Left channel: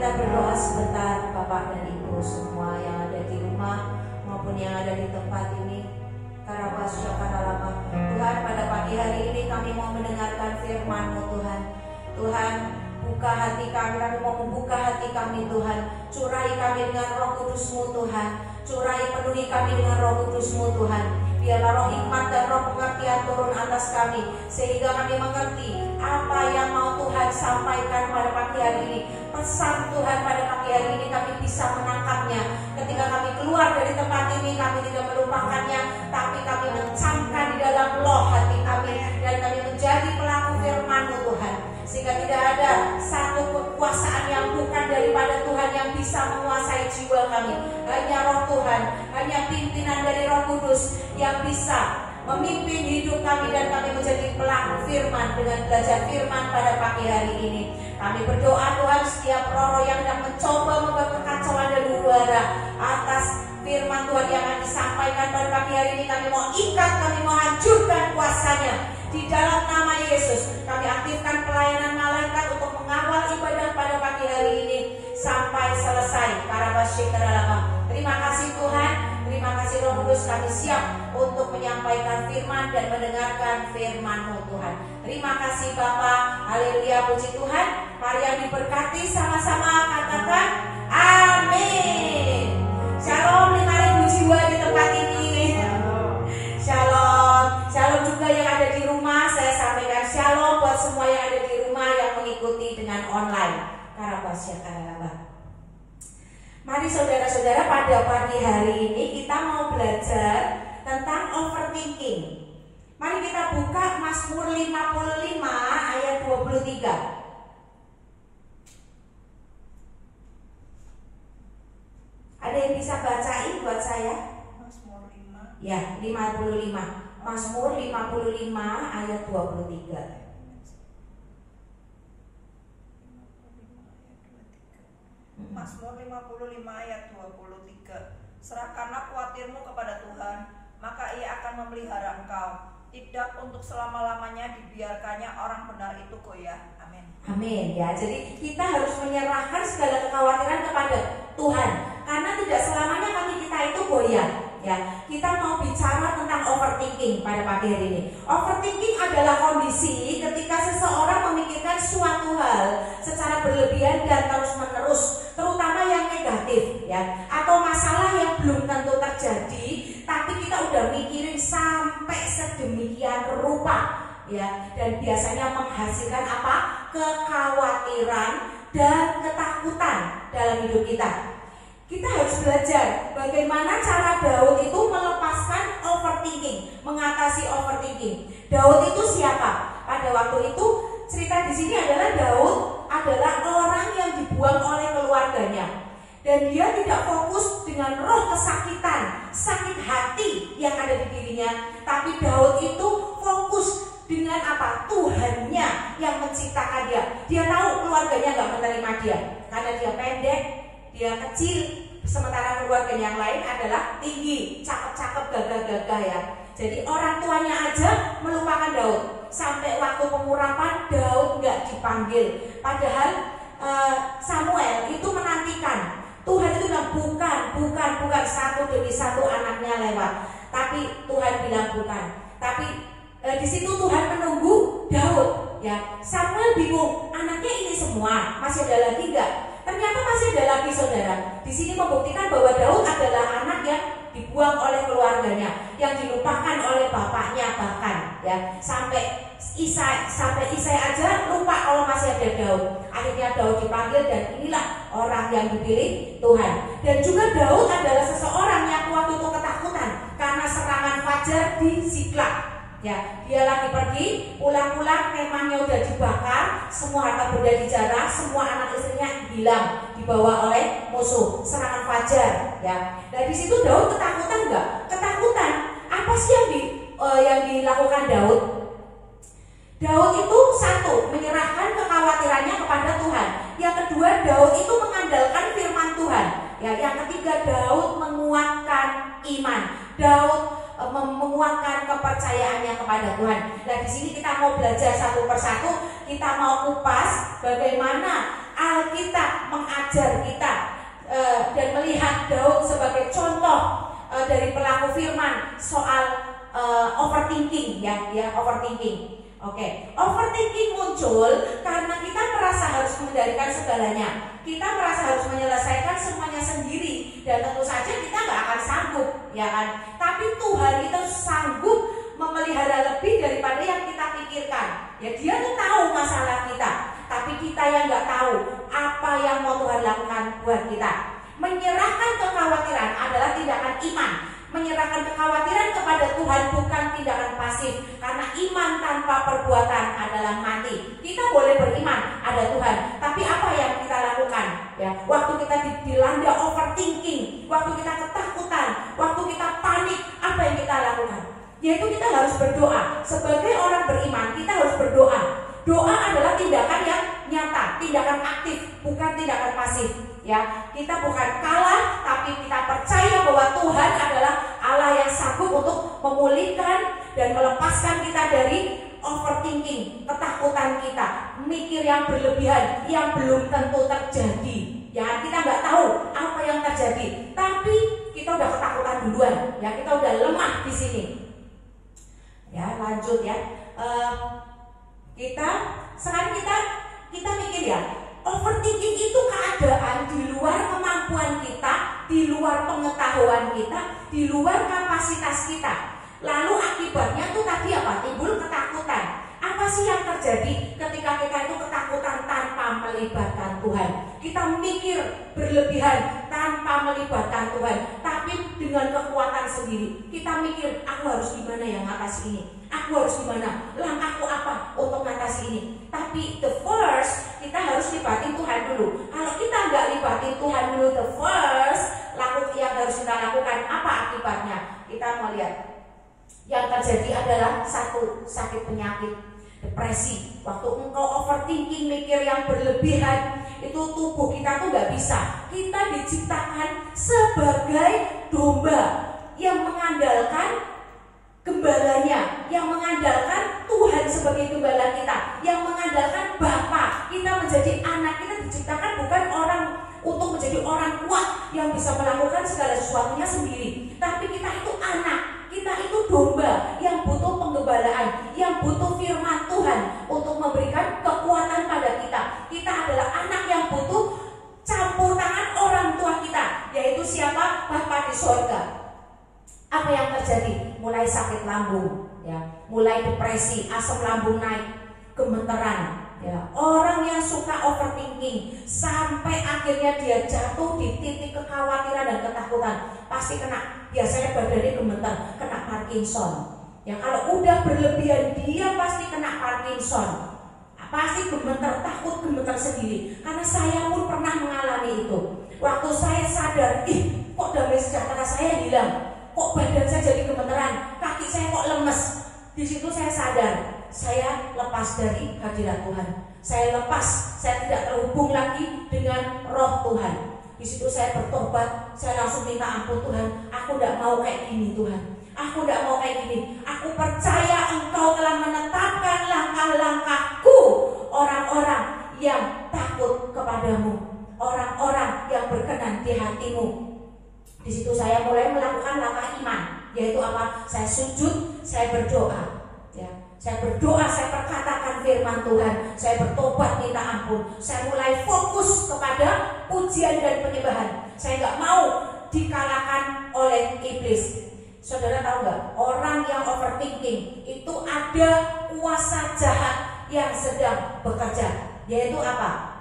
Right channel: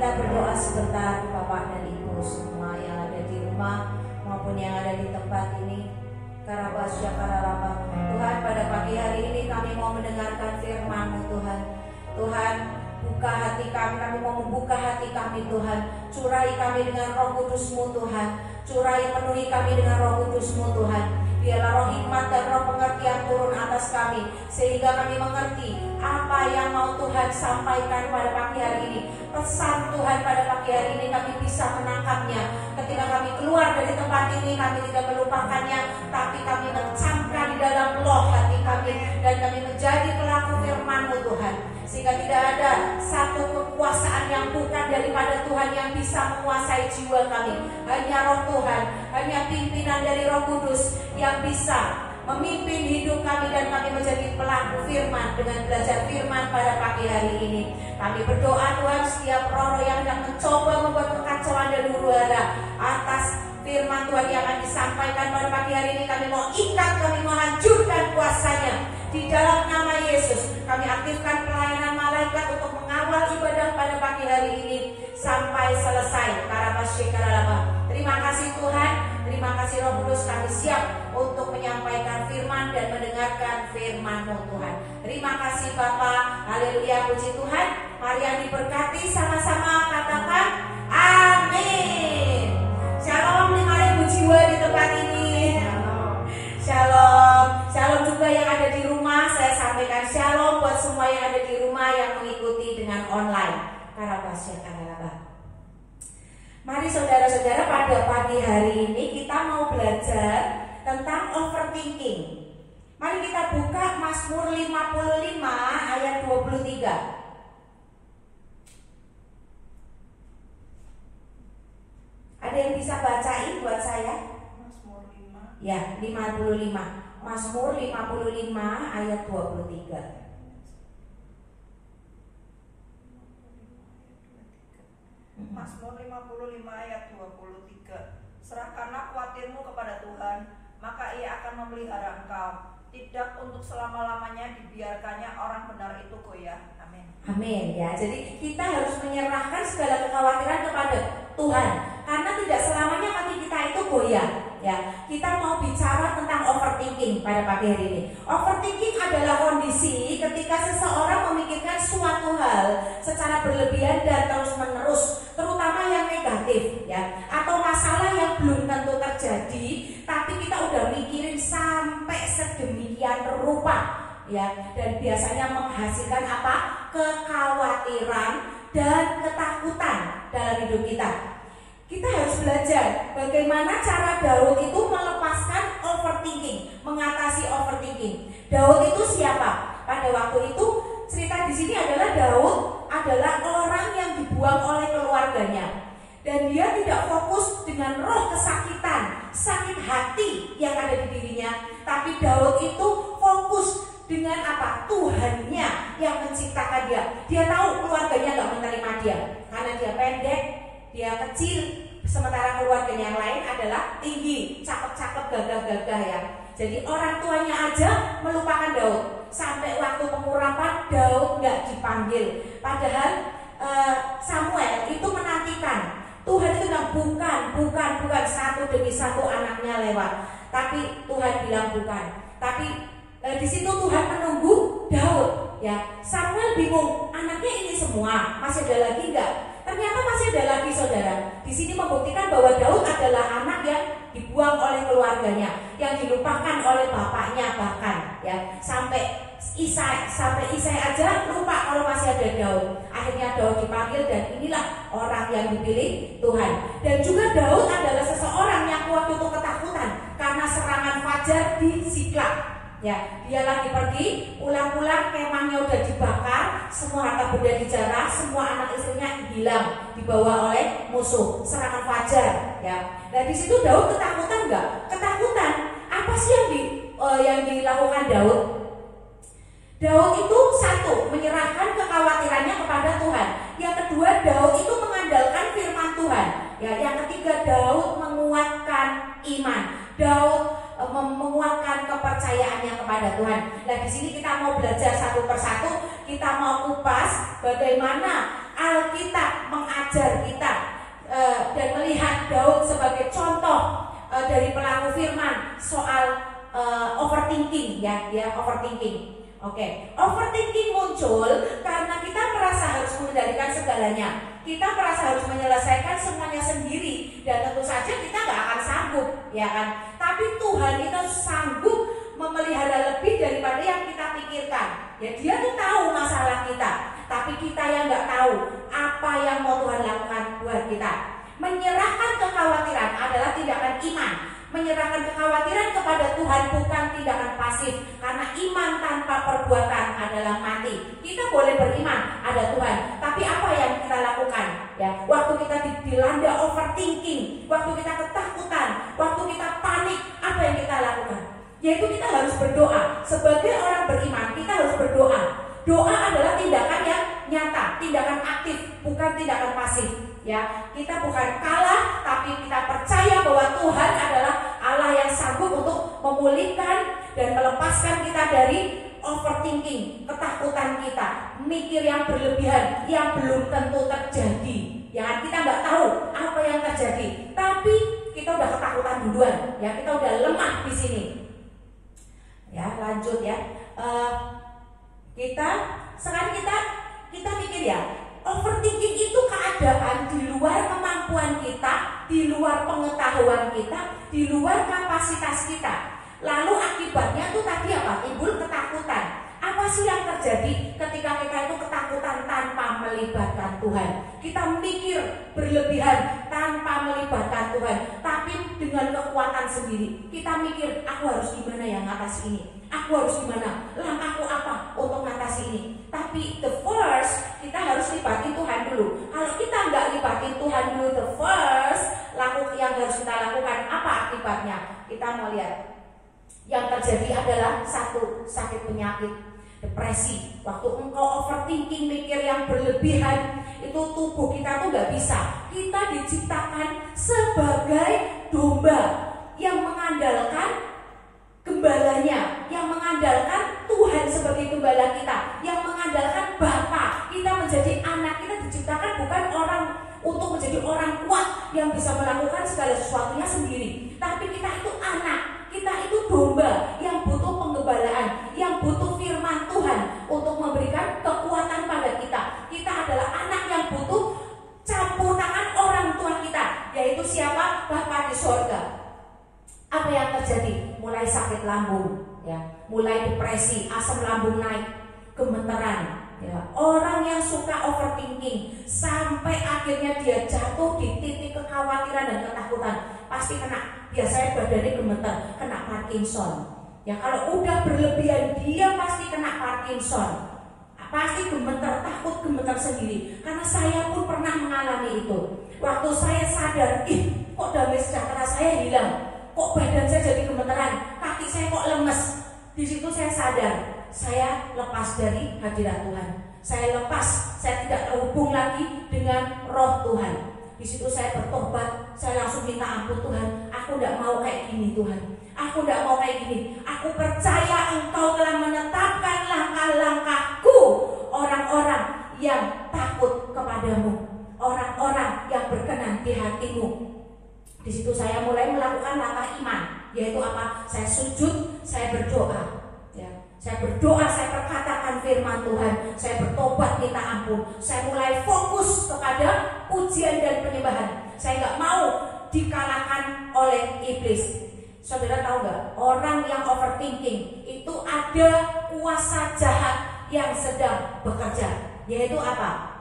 kita berdoa sebentar Bapak dan Ibu semua yang ada di rumah maupun yang ada di tempat ini. Karabasya karalaba. Tuhan, pada pagi hari ini kami mau mendengarkan firman-Mu Tuhan. Tuhan, buka hati kami mau membuka hati kami Tuhan. Curai kami dengan Roh Kudus-Mu Tuhan. Curai penuhi kami dengan Roh Kudus-Mu Tuhan. Biarlah roh hikmat dan roh pengertian turun atas kami, sehingga kami mengerti apa yang mau Tuhan sampaikan pada pagi hari ini. Pesan Tuhan pada pagi hari ini kami bisa menangkapnya. Ketika kami keluar dari tempat ini, kami tidak melupakannya, tapi kami mencamkan di dalam loh hati kami, dan kami menjadi pelaku firman-Mu Tuhan. Sehingga tidak ada satu kekuasaan yang bukan daripada Tuhan yang bisa menguasai jiwa kami. Hanya Roh Tuhan, hanya pimpinan dari Roh Kudus yang bisa memimpin hidup kami, dan kami menjadi pelaku firman dengan belajar firman pada pagi hari ini. Kami berdoa Tuhan, setiap roh yang mencoba membuat kekacauan dan huru-hara atas firman Tuhan yang akan disampaikan pada pagi hari ini, kami mau ikat, kami mau hancurkan kuasanya di dalam nama Yesus. Kami aktifkan pelayanan malaikat untuk mengawal ibadah pada pagi hari ini sampai selesai. Terima kasih Tuhan, terima kasih Roh Kudus, kami siap untuk menyampaikan firman dan mendengarkan firman-Mu Tuhan. Terima kasih Bapa. Haleluya, puji Tuhan. Mari yang diberkati sama-sama katakan amin. Shalom 5.000 jiwa di tempat ini. Shalom. Shalom juga yang ada di rumah. Saya sampaikan shalom buat semua yang ada di rumah yang mengikuti dengan online. Mari saudara-saudara, pada pagi hari ini kita mau belajar tentang overthinking. Mari kita buka Mazmur 55 ayat 23. Ada yang bisa bacain buat saya? Mazmur 5. Ya, 55. Mazmur 55 ayat 23. Mazmur 55 ayat 23. Serahkanlah khawatirmu kepada Tuhan, maka Ia akan memelihara engkau. Tidak untuk selama-lamanya dibiarkannya orang benar itu goyah. Amin. Amin ya. Jadi kita harus menyerahkan segala kekhawatiran kepada Tuhan, karena tidak selamanya kaki kita itu goyah. Ya, kita mau bicara tentang overthinking pada pagi hari ini. Overthinking adalah kondisi ketika seseorang memikirkan suatu hal secara berlebihan dan terus-menerus, terutama yang negatif, ya, atau masalah yang belum tentu terjadi, tapi kita udah mikirin sampai sedemikian rupa, ya, dan biasanya menghasilkan apa? Kekhawatiran dan ketakutan dalam hidup kita. Kita harus belajar bagaimana cara Daud itu melepaskan overthinking, mengatasi overthinking. Daud itu siapa? Pada waktu itu cerita di sini adalah Daud adalah orang yang dibuang oleh keluarganya, dan dia tidak fokus dengan roh kesakitan, sakit hati yang ada di dirinya, tapi Daud itu fokus dengan apa? Tuhannya yang menciptakan dia. Dia tahu keluarganya gak menerima dia karena dia pendek, dia kecil, sementara keluarga yang lain adalah tinggi, cakep-cakep, gagah-gagah ya. Jadi orang tuanya aja melupakan Daud. Sampai waktu pengurapan Daud nggak dipanggil. Padahal Samuel itu menantikan. Tuhan itu bilang bukan satu demi satu anaknya lewat. Tapi Tuhan bilang bukan. Tapi di situ Tuhan menunggu Daud. Ya, Samuel bingung, anaknya ini semua, masih ada lagi nggak? Ternyata masih ada lagi saudara. Di sini membuktikan bahwa Daud adalah anak yang dibuang oleh keluarganya, yang dilupakan oleh bapaknya bahkan, ya, sampai Isai aja lupa kalau masih ada Daud. Akhirnya Daud dipanggil, dan inilah orang yang dipilih Tuhan. Dan juga Daud adalah seseorang yang waktu itu ketakutan karena serangan fajar di Siklag. Ya, dia lagi pergi, pulang-pulang kemahnya udah dibakar, semua harta benda dijarah, semua anak istrinya hilang, dibawa oleh musuh. Serangan fajar, ya. Dan di situ Daud ketakutan nggak? Ketakutan. Apa sih yang dilakukan Daud? Daud itu satu, menyerahkan kekhawatirannya kepada Tuhan. Yang kedua, Daud itu mengandalkan firman Tuhan. Ya, yang ketiga, Daud menguatkan iman. Daud menguatkan kepercayaannya kepada Tuhan. Nah, di sini kita mau belajar satu persatu, kita mau kupas bagaimana Alkitab mengajarkan mengajar kita dan melihat Daud sebagai contoh dari pelaku firman soal overthinking, ya, dia overthinking. Oke, overthinking muncul karena kita merasa harus mengendalikan segalanya. Kita merasa harus menyelesaikan semuanya sendiri, dan tentu saja kita nggak akan sanggup, ya kan? Tapi Tuhan itu sanggup memelihara lebih daripada yang kita pikirkan. Ya, Dia tuh tahu masalah kita, tapi kita yang nggak tahu apa yang mau Tuhan lakukan buat kita. Menyerahkan kekhawatiran adalah tindakan iman. Menyerahkan kekhawatiran kepada Tuhan bukan tindakan pasif, karena iman tanpa perbuatan adalah mati. Kita boleh beriman ada Tuhan, tapi apa yang kita lakukan? Ya, waktu kita dilanda overthinking, waktu kita ketakutan, waktu kita panik, apa yang kita lakukan? Yaitu kita harus berdoa. Sebagai orang beriman, kita harus berdoa. Doa adalah tindakan yang nyata, tindakan aktif, bukan tindakan pasif. Ya, kita bukan kalah, tapi kita percaya bahwa Tuhan adalah Allah yang sanggup untuk memulihkan dan melepaskan kita dari overthinking, ketakutan kita, mikir yang berlebihan, yang belum tentu terjadi. Ya, kita nggak tahu apa yang terjadi, tapi kita udah ketakutan duluan. Ya, kita udah lemah di sini. Ya, lanjut ya. Sekarang kita mikir ya, overthinking itu keadaan di luar kemampuan kita, di luar pengetahuan kita, di luar kapasitas kita. Lalu akibatnya itu tadi apa? Timbul ketakutan. Apa sih yang terjadi ketika kita itu ketakutan tanpa melibatkan Tuhan? Kita mikir berlebihan tanpa melibatkan Tuhan, tapi dengan kekuatan sendiri. Kita mikir, aku harus gimana yang ngatasi ini? Aku harus gimana? Langkahku apa untuk ngatasi ini? Tapi the first, kita harus libatin Tuhan dulu. Kalau kita nggak libatin Tuhan dulu the first, yang harus kita lakukan apa akibatnya? Kita melihat yang terjadi adalah satu, sakit penyakit, depresi. Waktu engkau overthinking, mikir yang berlebihan, itu tubuh kita tuh nggak bisa. Kita diciptakan sebagai domba yang mengandalkan gembalanya, yang mengandalkan Tuhan sebagai gembala kita, yang mengandalkan Bapa. Kita menjadi anak, kita diciptakan bukan orang untuk menjadi orang kuat yang bisa melakukan segala sesuatunya sendiri, tapi kita itu anak, kita itu domba yang butuh penggembalaan, yang butuh firman Tuhan untuk memberikan kekuatan pada kita. Kita adalah anak yang butuh campur tangan orang tua kita, yaitu siapa? Bapa di sorga. Apa yang terjadi? Mulai sakit lambung, ya, mulai depresi, asam lambung naik, gemeteran. Ya, orang yang suka overthinking sampai akhirnya dia jatuh di titik kekhawatiran dan ketakutan, pasti kena, biasanya badannya gemeter, kena Parkinson. Ya, kalau udah berlebihan dia pasti kena Parkinson. Pasti gemeter, takut gemeter sendiri. Karena saya pun pernah mengalami itu. Waktu saya sadar, kok damai sejahtera saya hilang, kok badan saya jadi gemeteran, kaki saya kok lemes. Di situ saya sadar, saya lepas dari hadirat Tuhan. Saya lepas, saya tidak terhubung lagi dengan roh Tuhan. Di situ saya bertobat, saya langsung minta ampun Tuhan. Aku tidak mau kayak gini Tuhan. Aku tidak mau kayak gini. Aku percaya Engkau telah menetapkan langkah-langkahku. Orang-orang yang takut kepadamu, orang-orang yang berkenan di hatimu. Di situ saya mulai melakukan langkah iman, yaitu apa? Saya sujud, saya berdoa. Ya, saya berdoa, saya perkatakan firman Tuhan, saya bertobat minta ampun, saya mulai fokus kepada pujian dan penyembahan. Saya nggak mau dikalahkan oleh iblis. Saudara tahu nggak? Orang yang overthinking itu ada kuasa jahat yang sedang bekerja, yaitu apa?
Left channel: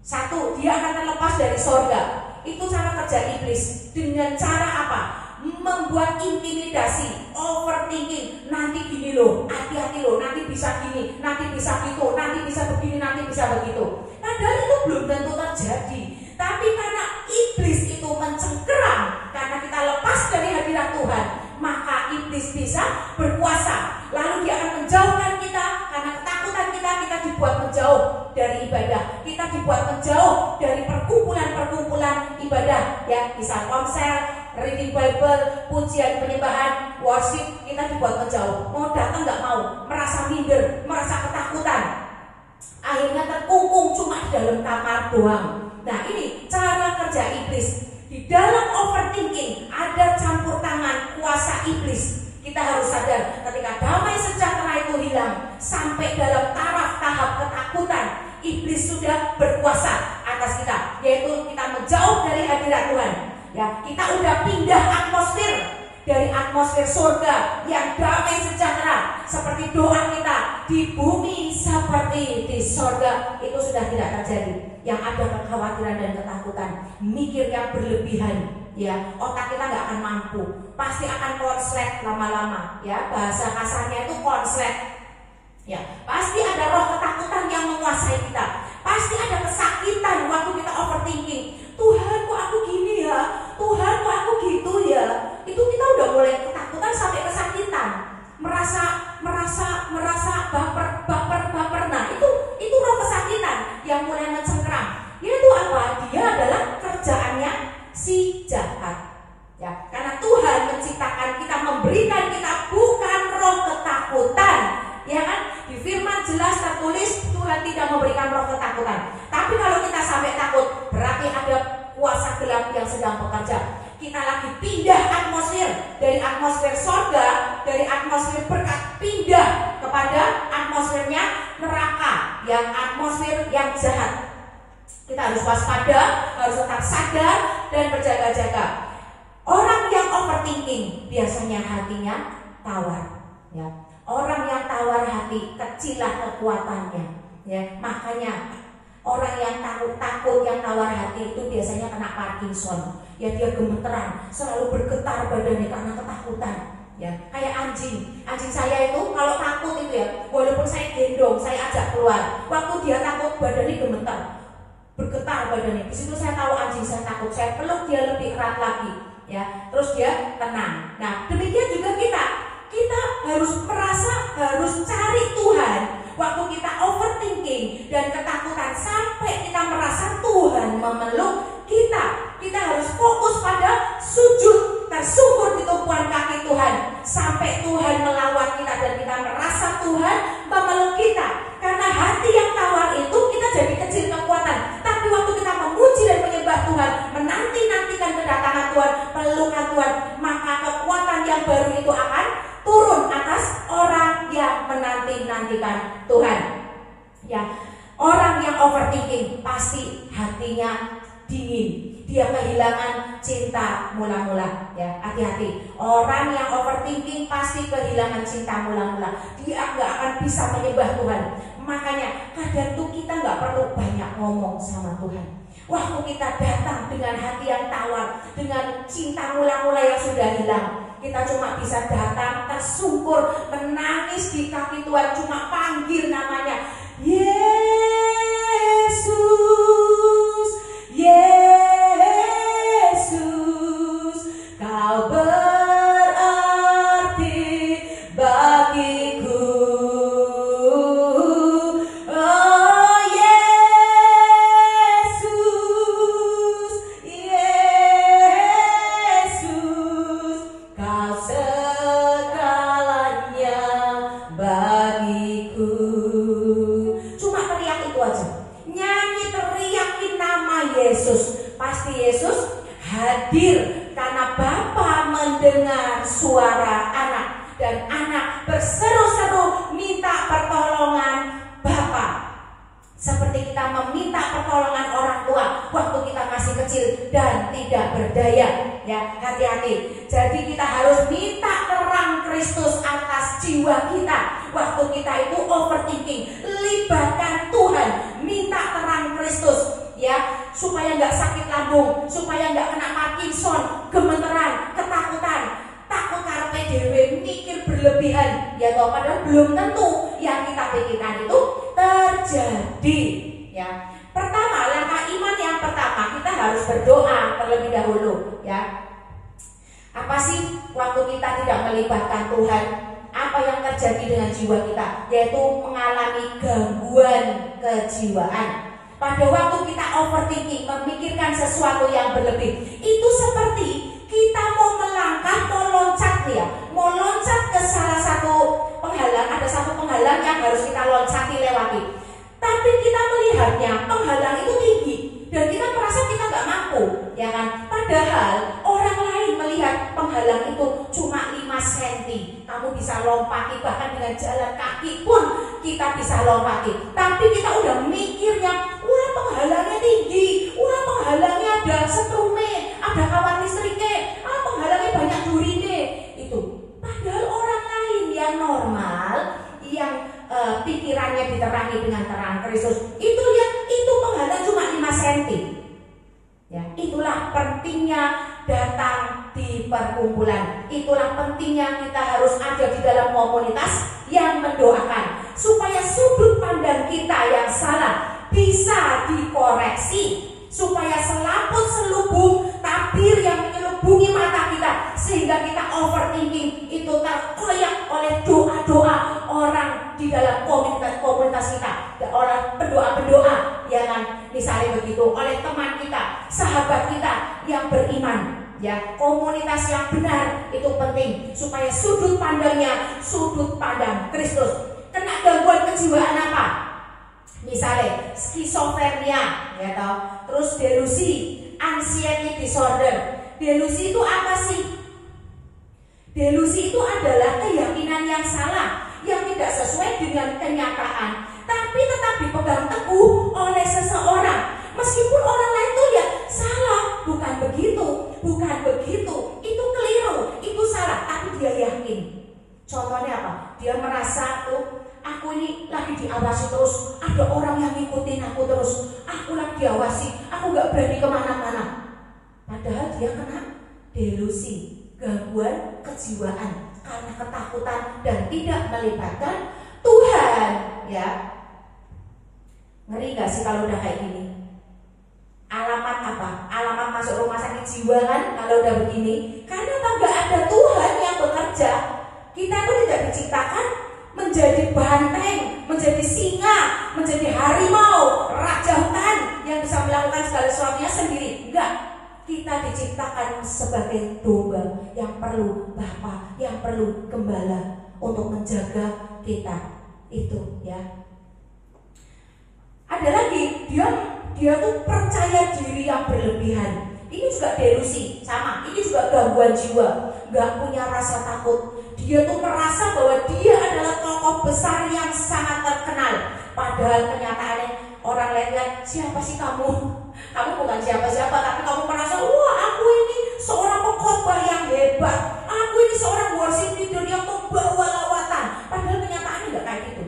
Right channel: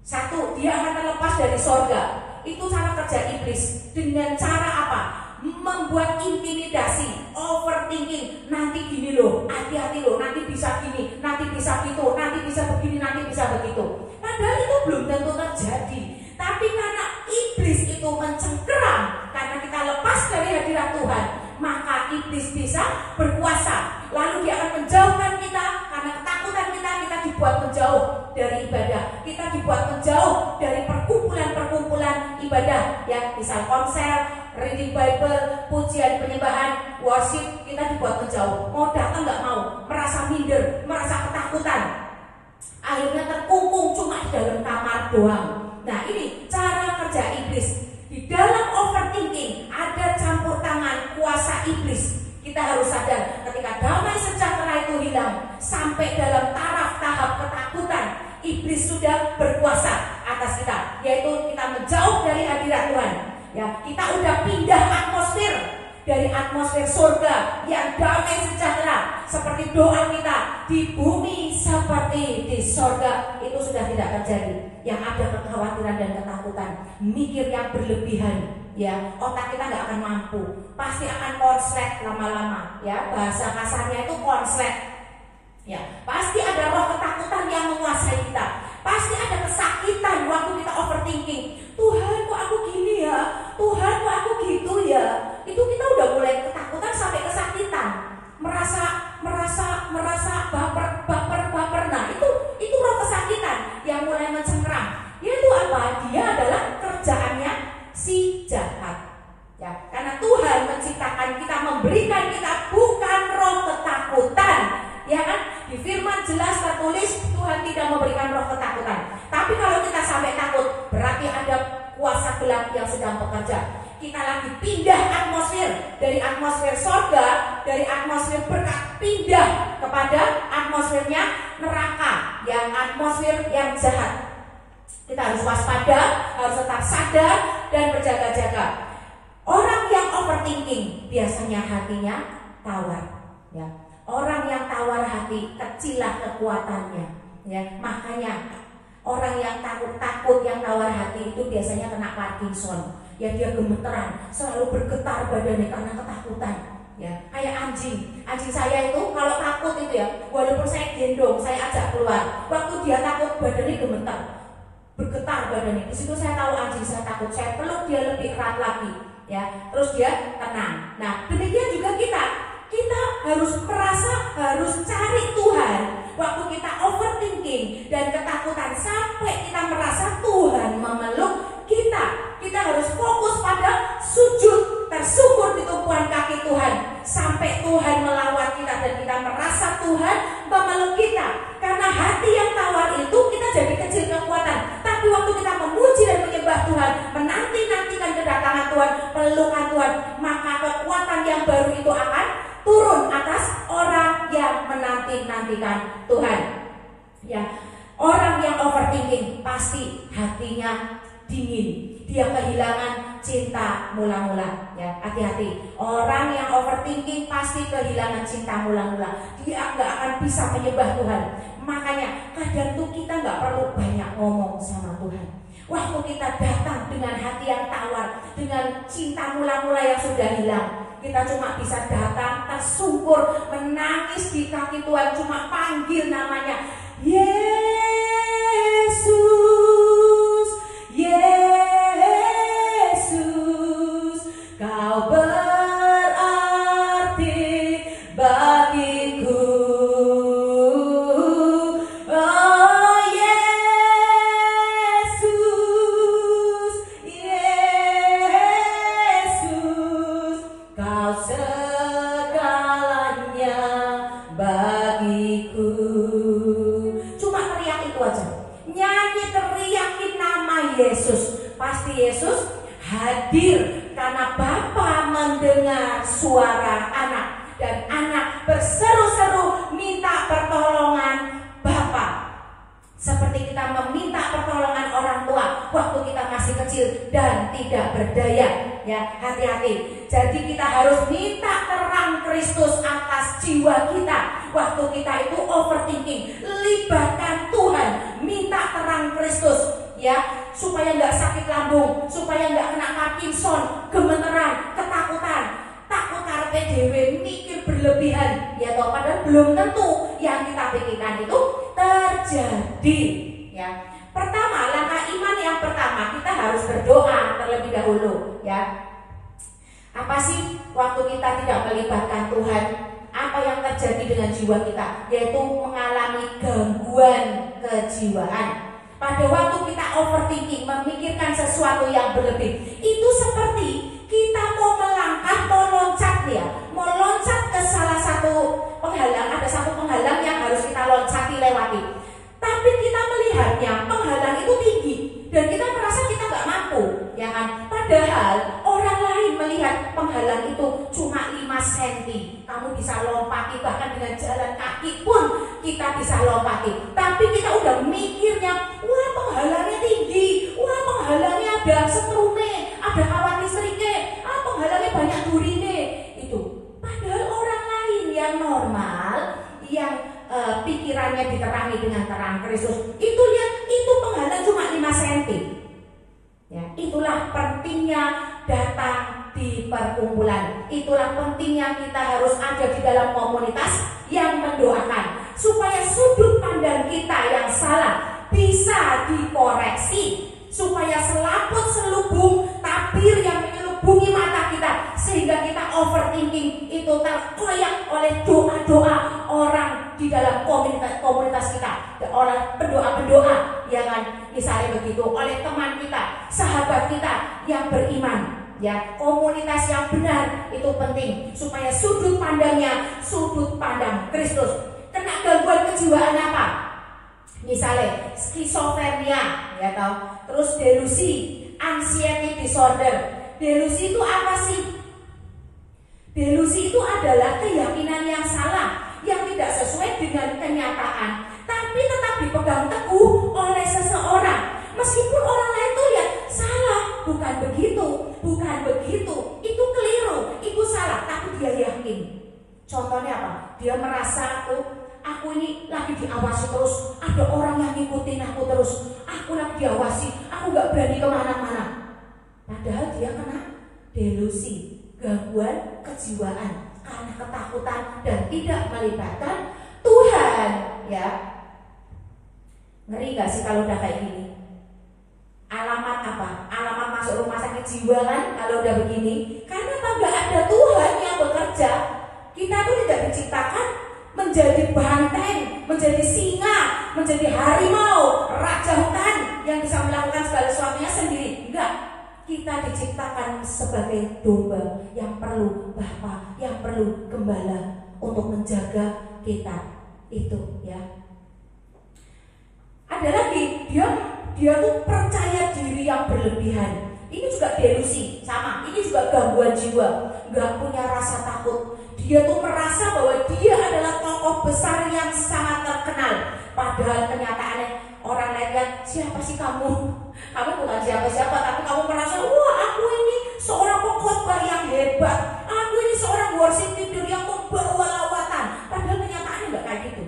Satu, dia akan terlepas dari sorga. Itu cara kerja iblis. Dengan cara apa? Membuat intimidasi, overthinking. Nanti gini loh, hati-hati loh, nanti bisa gini, nanti bisa gitu, nanti bisa begini, nanti bisa begitu. Padahal itu belum tentu terjadi. Tapi karena iblis itu mencengkeram, karena kita lepas dari hadirat Tuhan, maka iblis bisa berkuasa. Lalu dia akan menjauhkan kita, karena ketakutan kita dibuat menjauh dari ibadah. Kita dibuat menjauh dari perkumpulan-perkumpulan ibadah, ya, misal konser, reading Bible, pujian, penyembahan, worship, kita dibuat menjauh. Mau datang nggak mau, merasa minder, merasa ketakutan. Akhirnya terkungkung cuma di dalam kamar doang. Nah, ini cara kerja iblis. Di dalam overthinking ada campur tangan kuasa iblis. Kita harus sadar ketika damai sejahtera itu hilang, sampai dalam tahap ketakutan, iblis sudah berkuasa atas kita, yaitu kita menjauh dari hadirat Tuhan. Ya, kita udah pindah atmosfer dari atmosfer surga yang damai sejahtera, seperti doa kita di bumi seperti di surga, itu sudah tidak terjadi. Yang ada kekhawatiran dan ketakutan, mikir yang berlebihan, ya, otak kita nggak akan mampu, pasti akan konslet lama-lama, ya, bahasa kasarnya itu konslet, ya, pasti ada roh ketakutan yang menguasai kita, pasti ada kesakitan waktu kita overthinking. Tuhan, kok aku gini ya? Tuhan, kok aku gitu ya? Itu kita udah mulai ketakutan sampai kesakitan, merasa baper. Nah, itu roh kesakitan yang mulai mencengkram. Yaitu apa? Dia adalah kerjaannya si jahat. Ya, karena Tuhan menciptakan kita, memberikan kita bukan roh ketakutan, ya kan? Di firman jelas tertulis Tuhan tidak memberikan roh ketakutan. Tapi kalau kita sampai takut, berarti ada kuasa gelap yang sedang bekerja. Kita lagi pindah atmosfer dari atmosfer surga, dari atmosfer berkat, pindah kepada atmosfernya neraka, yang atmosfer yang jahat. Kita harus waspada, harus tetap sadar dan berjaga-jaga. Orang yang overthinking biasanya hatinya tawar, ya. Orang yang tawar hati, kecillah kekuatannya, ya. Makanya orang yang takut, yang tawar hati itu biasanya kena Parkinson. Ya, dia gemeteran, selalu bergetar badannya karena ketakutan. Ya, kayak anjing saya itu kalau takut itu, ya, walaupun saya gendong, saya ajak keluar, waktu dia takut badannya gemetar, bergetar badannya. Di situ saya tahu anjing saya takut, saya peluk dia lebih erat lagi, ya, terus dia tenang. Nah, demikian juga kita harus cari Tuhan waktu kita overthinking dan ketakutan, sampai kita merasa Tuhan memeluk kita. Kita harus fokus pada sujud, tersungkur di tumpuan kaki Tuhan, sampai Tuhan melawat kita dan kita merasa Tuhan memeluk kita. Karena hati yang tawar itu kita jadi kecil kekuatan. Tapi waktu kita memuji dan menyembah Tuhan, menanti-nantikan kedatangan Tuhan, pelukan Tuhan, maka kekuatan yang baru itu akan turun atas orang yang menanti-nantikan Tuhan. Ya, orang yang overthinking pasti hatinya dingin. Dia kehilangan cinta mula-mula, ya, hati-hati. Orang yang overthinking pasti kehilangan cinta mula-mula. Dia nggak akan bisa menyembah Tuhan. Makanya kadang tuh kita nggak perlu banyak ngomong sama Tuhan. Waktu kita datang dengan hati yang tawar, dengan cinta mula-mula yang sudah hilang, kita cuma bisa datang tersungkur, menangis di kaki Tuhan, cuma panggil namanya, Yesus, Yesus, Kau berarti bagiku. Oh Yesus, Yesus, Kau segalanya bagiku. Cuma teriak itu aja, nyanyi, teriakin nama Yesus. Pasti Yesus hadir, karena Bapa mendengar suara anak, dan anak berseru-seru minta pertolongan Bapa, seperti kita meminta pertolongan orang tua waktu kita masih kecil dan tidak berdaya. Ya, hati-hati. Jadi kita harus minta terang Kristus atas jiwa kita waktu kita itu overthinking. Libatkan Tuhan, minta terang Kristus, ya, supaya nggak sakit lambung, supaya nggak kena Parkinson, gemeteran, ketakutan, takut karepe dhewe, mikir berlebihan, ya toh, padahal belum tentu yang kita pikirkan itu terjadi. Ya, pertama, langkah iman yang pertama, kita harus berdoa terlebih dahulu, ya. Apa sih waktu kita tidak melibatkan Tuhan? Apa yang terjadi dengan jiwa kita? Yaitu mengalami gangguan kejiwaan. Pada waktu kita overthinking, memikirkan sesuatu yang berlebih, itu seperti kita mau melangkah, mau loncat, ya, mau loncat ke salah satu penghalang. Ada satu penghalang yang harus kita loncati, lewati. Tapi kita melihatnya penghalang itu tinggi, dan kita merasa kamu bisa lompati, bahkan dengan jalan kaki pun kita bisa lompati. Tapi kita udah mikirnya, wah penghalangnya tinggi, wah penghalangnya ada setrume, ada kawat listriknya, penghalangnya banyak durine. Itu padahal orang lain yang normal, yang pikirannya diterangi dengan terang Kristus, itu lihat, itu penghalang cuma 5 cm. Ya, itulah pentingnya datang di perkumpulan. Itulah pentingnya kita harus ada di dalam komunitas yang mendoakan, supaya sudut pandang kita yang salah bisa dikoreksi, supaya selaput selubung tabir yang menyelubungi mata kita, sehingga kita overthinking itu terkoyak oleh doa-doa orang di dalam komunitas kita, orang pendoa-pendoa, ya kan, misalnya begitu, oleh teman kita, sahabat kita yang beriman. Ya, komunitas yang benar itu penting, supaya sudut pandangnya sudut pandang Kristus. Kena gangguan kejiwaan apa? Misalnya skizofrenia, ya tahu, terus delusi, anxiety disorder. Delusi itu apa sih? Delusi itu adalah keyakinan yang salah, yang tidak sesuai dengan kenyataan, tapi tetap dipegang teguh oleh seseorang. Meskipun orang lain tuh lihat salah, bukan begitu, itu keliru, itu salah, tapi dia yakin. Contohnya apa? Dia merasa aku ini lagi diawasi terus, ada orang yang ngikutin aku terus, aku lagi diawasi, aku gak berani kemana-mana. Padahal dia kena delusi, gangguan kejiwaan, karena ketakutan dan tidak melibatkan Tuhan. Ya, ngeri gak sih kalau udah kayak gini? Alamat apa? Alamat masuk rumah sakit jiwa kan kalau udah begini. Karena gak ada Tuhan yang bekerja. Kita pun tidak diciptakan menjadi banteng, menjadi singa, menjadi harimau, raja hutan yang bisa melakukan segala sesuatunya sendiri. Enggak. Kita diciptakan sebagai domba yang perlu bapa, yang perlu gembala untuk menjaga kita. Itu ya. Ada lagi, dia tuh percaya diri yang berlebihan. Ini juga delusi, sama. Ini juga gangguan jiwa, nggak punya rasa takut. Dia tuh merasa bahwa dia adalah tokoh besar yang sangat terkenal. Padahal kenyataannya orang lain lihat, siapa sih kamu? Kamu bukan siapa-siapa, tapi kamu merasa, wah aku ini seorang pengkhotbah yang hebat. Aku ini seorang worship leader yang membawa lawatan. Padahal kenyataannya nggak kayak gitu.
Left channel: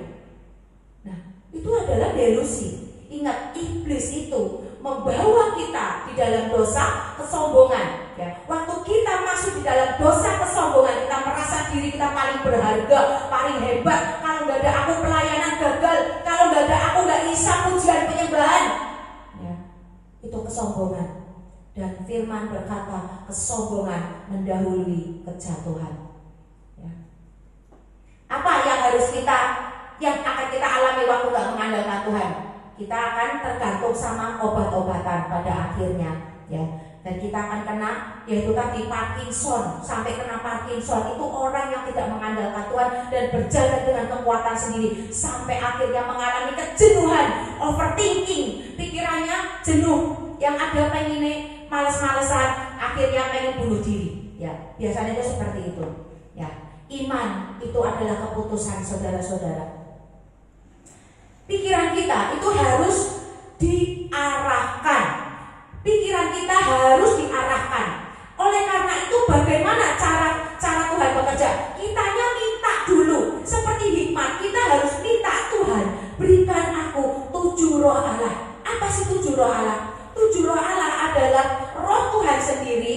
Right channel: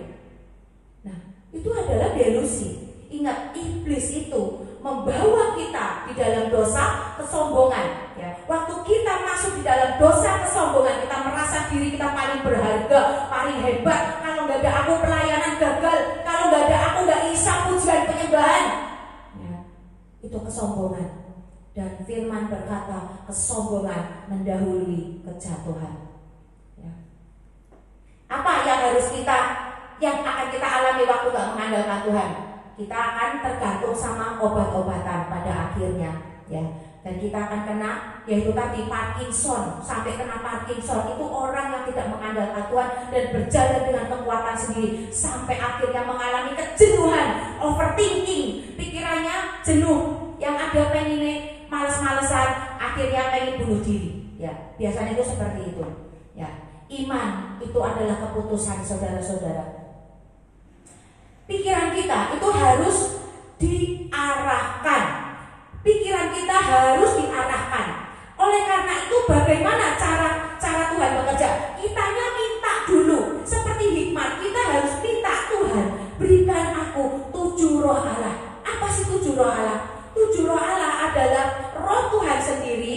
Nah, itu adalah delusi. Ingat, iblis itu membawa kita di dalam dosa kesombongan. Ya, waktu kita masuk di dalam dosa kesombongan, kita merasa diri kita paling berharga, paling hebat. Kalau nggak ada aku pelayanan gagal, kalau nggak ada aku nggak bisa pujian penyembahan. Ya, itu kesombongan. Dan firman berkata, kesombongan mendahului kejatuhan. Ya. Apa yang akan kita alami waktu nggak mengandalkan Tuhan? Kita akan tergantung sama obat-obatan pada akhirnya, ya. Dan kita akan kena, yaitu tadi Parkinson. Sampai kena Parkinson itu orang yang tidak mengandalkan Tuhan dan berjalan dengan kekuatan sendiri, sampai akhirnya mengalami kejenuhan, overthinking, pikirannya jenuh, yang ada pengen males-malesan, akhirnya pengen bunuh diri. Ya, biasanya itu seperti itu. Ya, iman itu adalah keputusan saudara-saudara. Pikiran kita itu harus diarahkan. Pikiran kita harus diarahkan. Oleh karena itu, bagaimana cara Tuhan bekerja? Kitanya minta dulu. Seperti hikmat, kita harus minta, Tuhan, berikan aku 7 roh Allah. Apa sih 7 roh Allah? 7 roh Allah adalah roh Tuhan sendiri,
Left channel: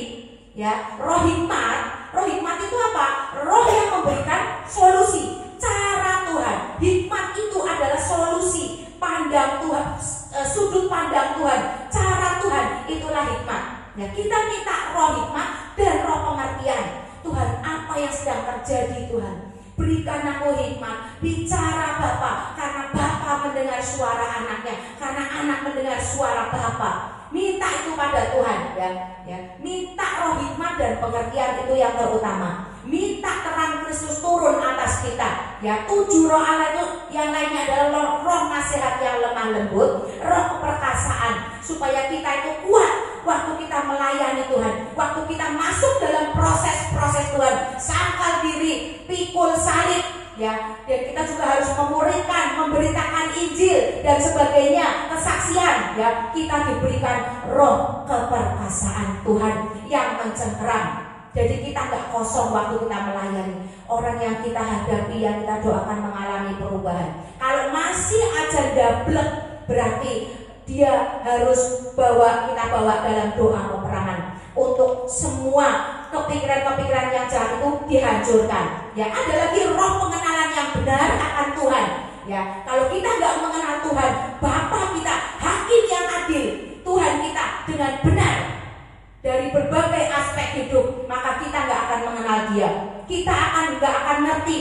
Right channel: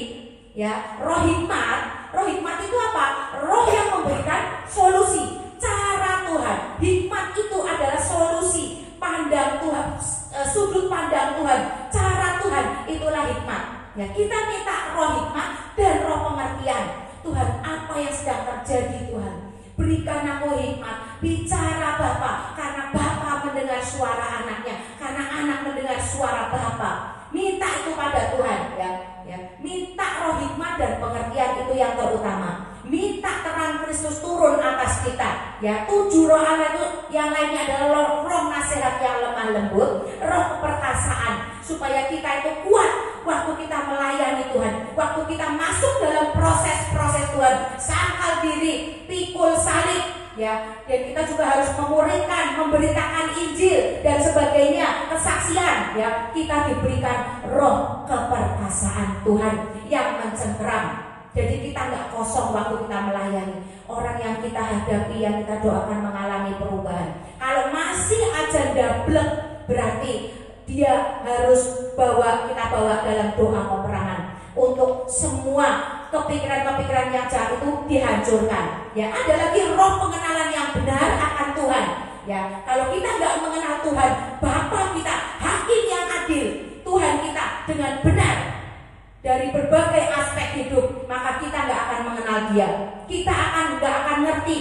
ya. Roh hikmat itu apa? Roh yang memberikan solusi. Cara Tuhan, hikmat itu adalah solusi pandang Tuhan, sudut pandang Tuhan, cara Tuhan, itulah hikmat. Ya, kita minta roh hikmat dan roh pengertian. Tuhan, apa yang sedang terjadi Tuhan? Berikan aku hikmat, bicara Bapa, karena Bapa mendengar suara anaknya, karena anak mendengar suara Bapa. Minta itu pada Tuhan, ya. Minta roh hikmat dan pengertian, itu yang terutama. Minta terang Kristus turun atas kita. Ya, 7 roh Allah itu yang lainnya adalah roh nasihat yang lemah lembut, roh keperkasaan, supaya kita itu kuat waktu kita melayani Tuhan, waktu kita masuk dalam proses-proses Tuhan. Sangkal diri, pikul ya. Dan kita juga harus memuridkan, memberitakan Injil dan sebagainya, kesaksian, ya. Kita diberikan roh keperkasaan Tuhan yang mencengkeram. Jadi kita nggak kosong waktu kita melayani. Orang yang kita hadapi, yang kita doakan mengalami perubahan. Kalau masih aja dablek, berarti dia harus kita bawa dalam doa peperangan untuk semua kepikiran-kepikiran yang jahat itu dihancurkan. Ya, ada lagi roh pengenalan yang benar akan Tuhan. Ya, kalau kita nggak mengenal Tuhan, Bapa kita, Hakim yang adil, Tuhan kita dengan benar dari berbagai aspek hidup, maka kita nggak akan mengenal Dia. Kita nggak akan ngerti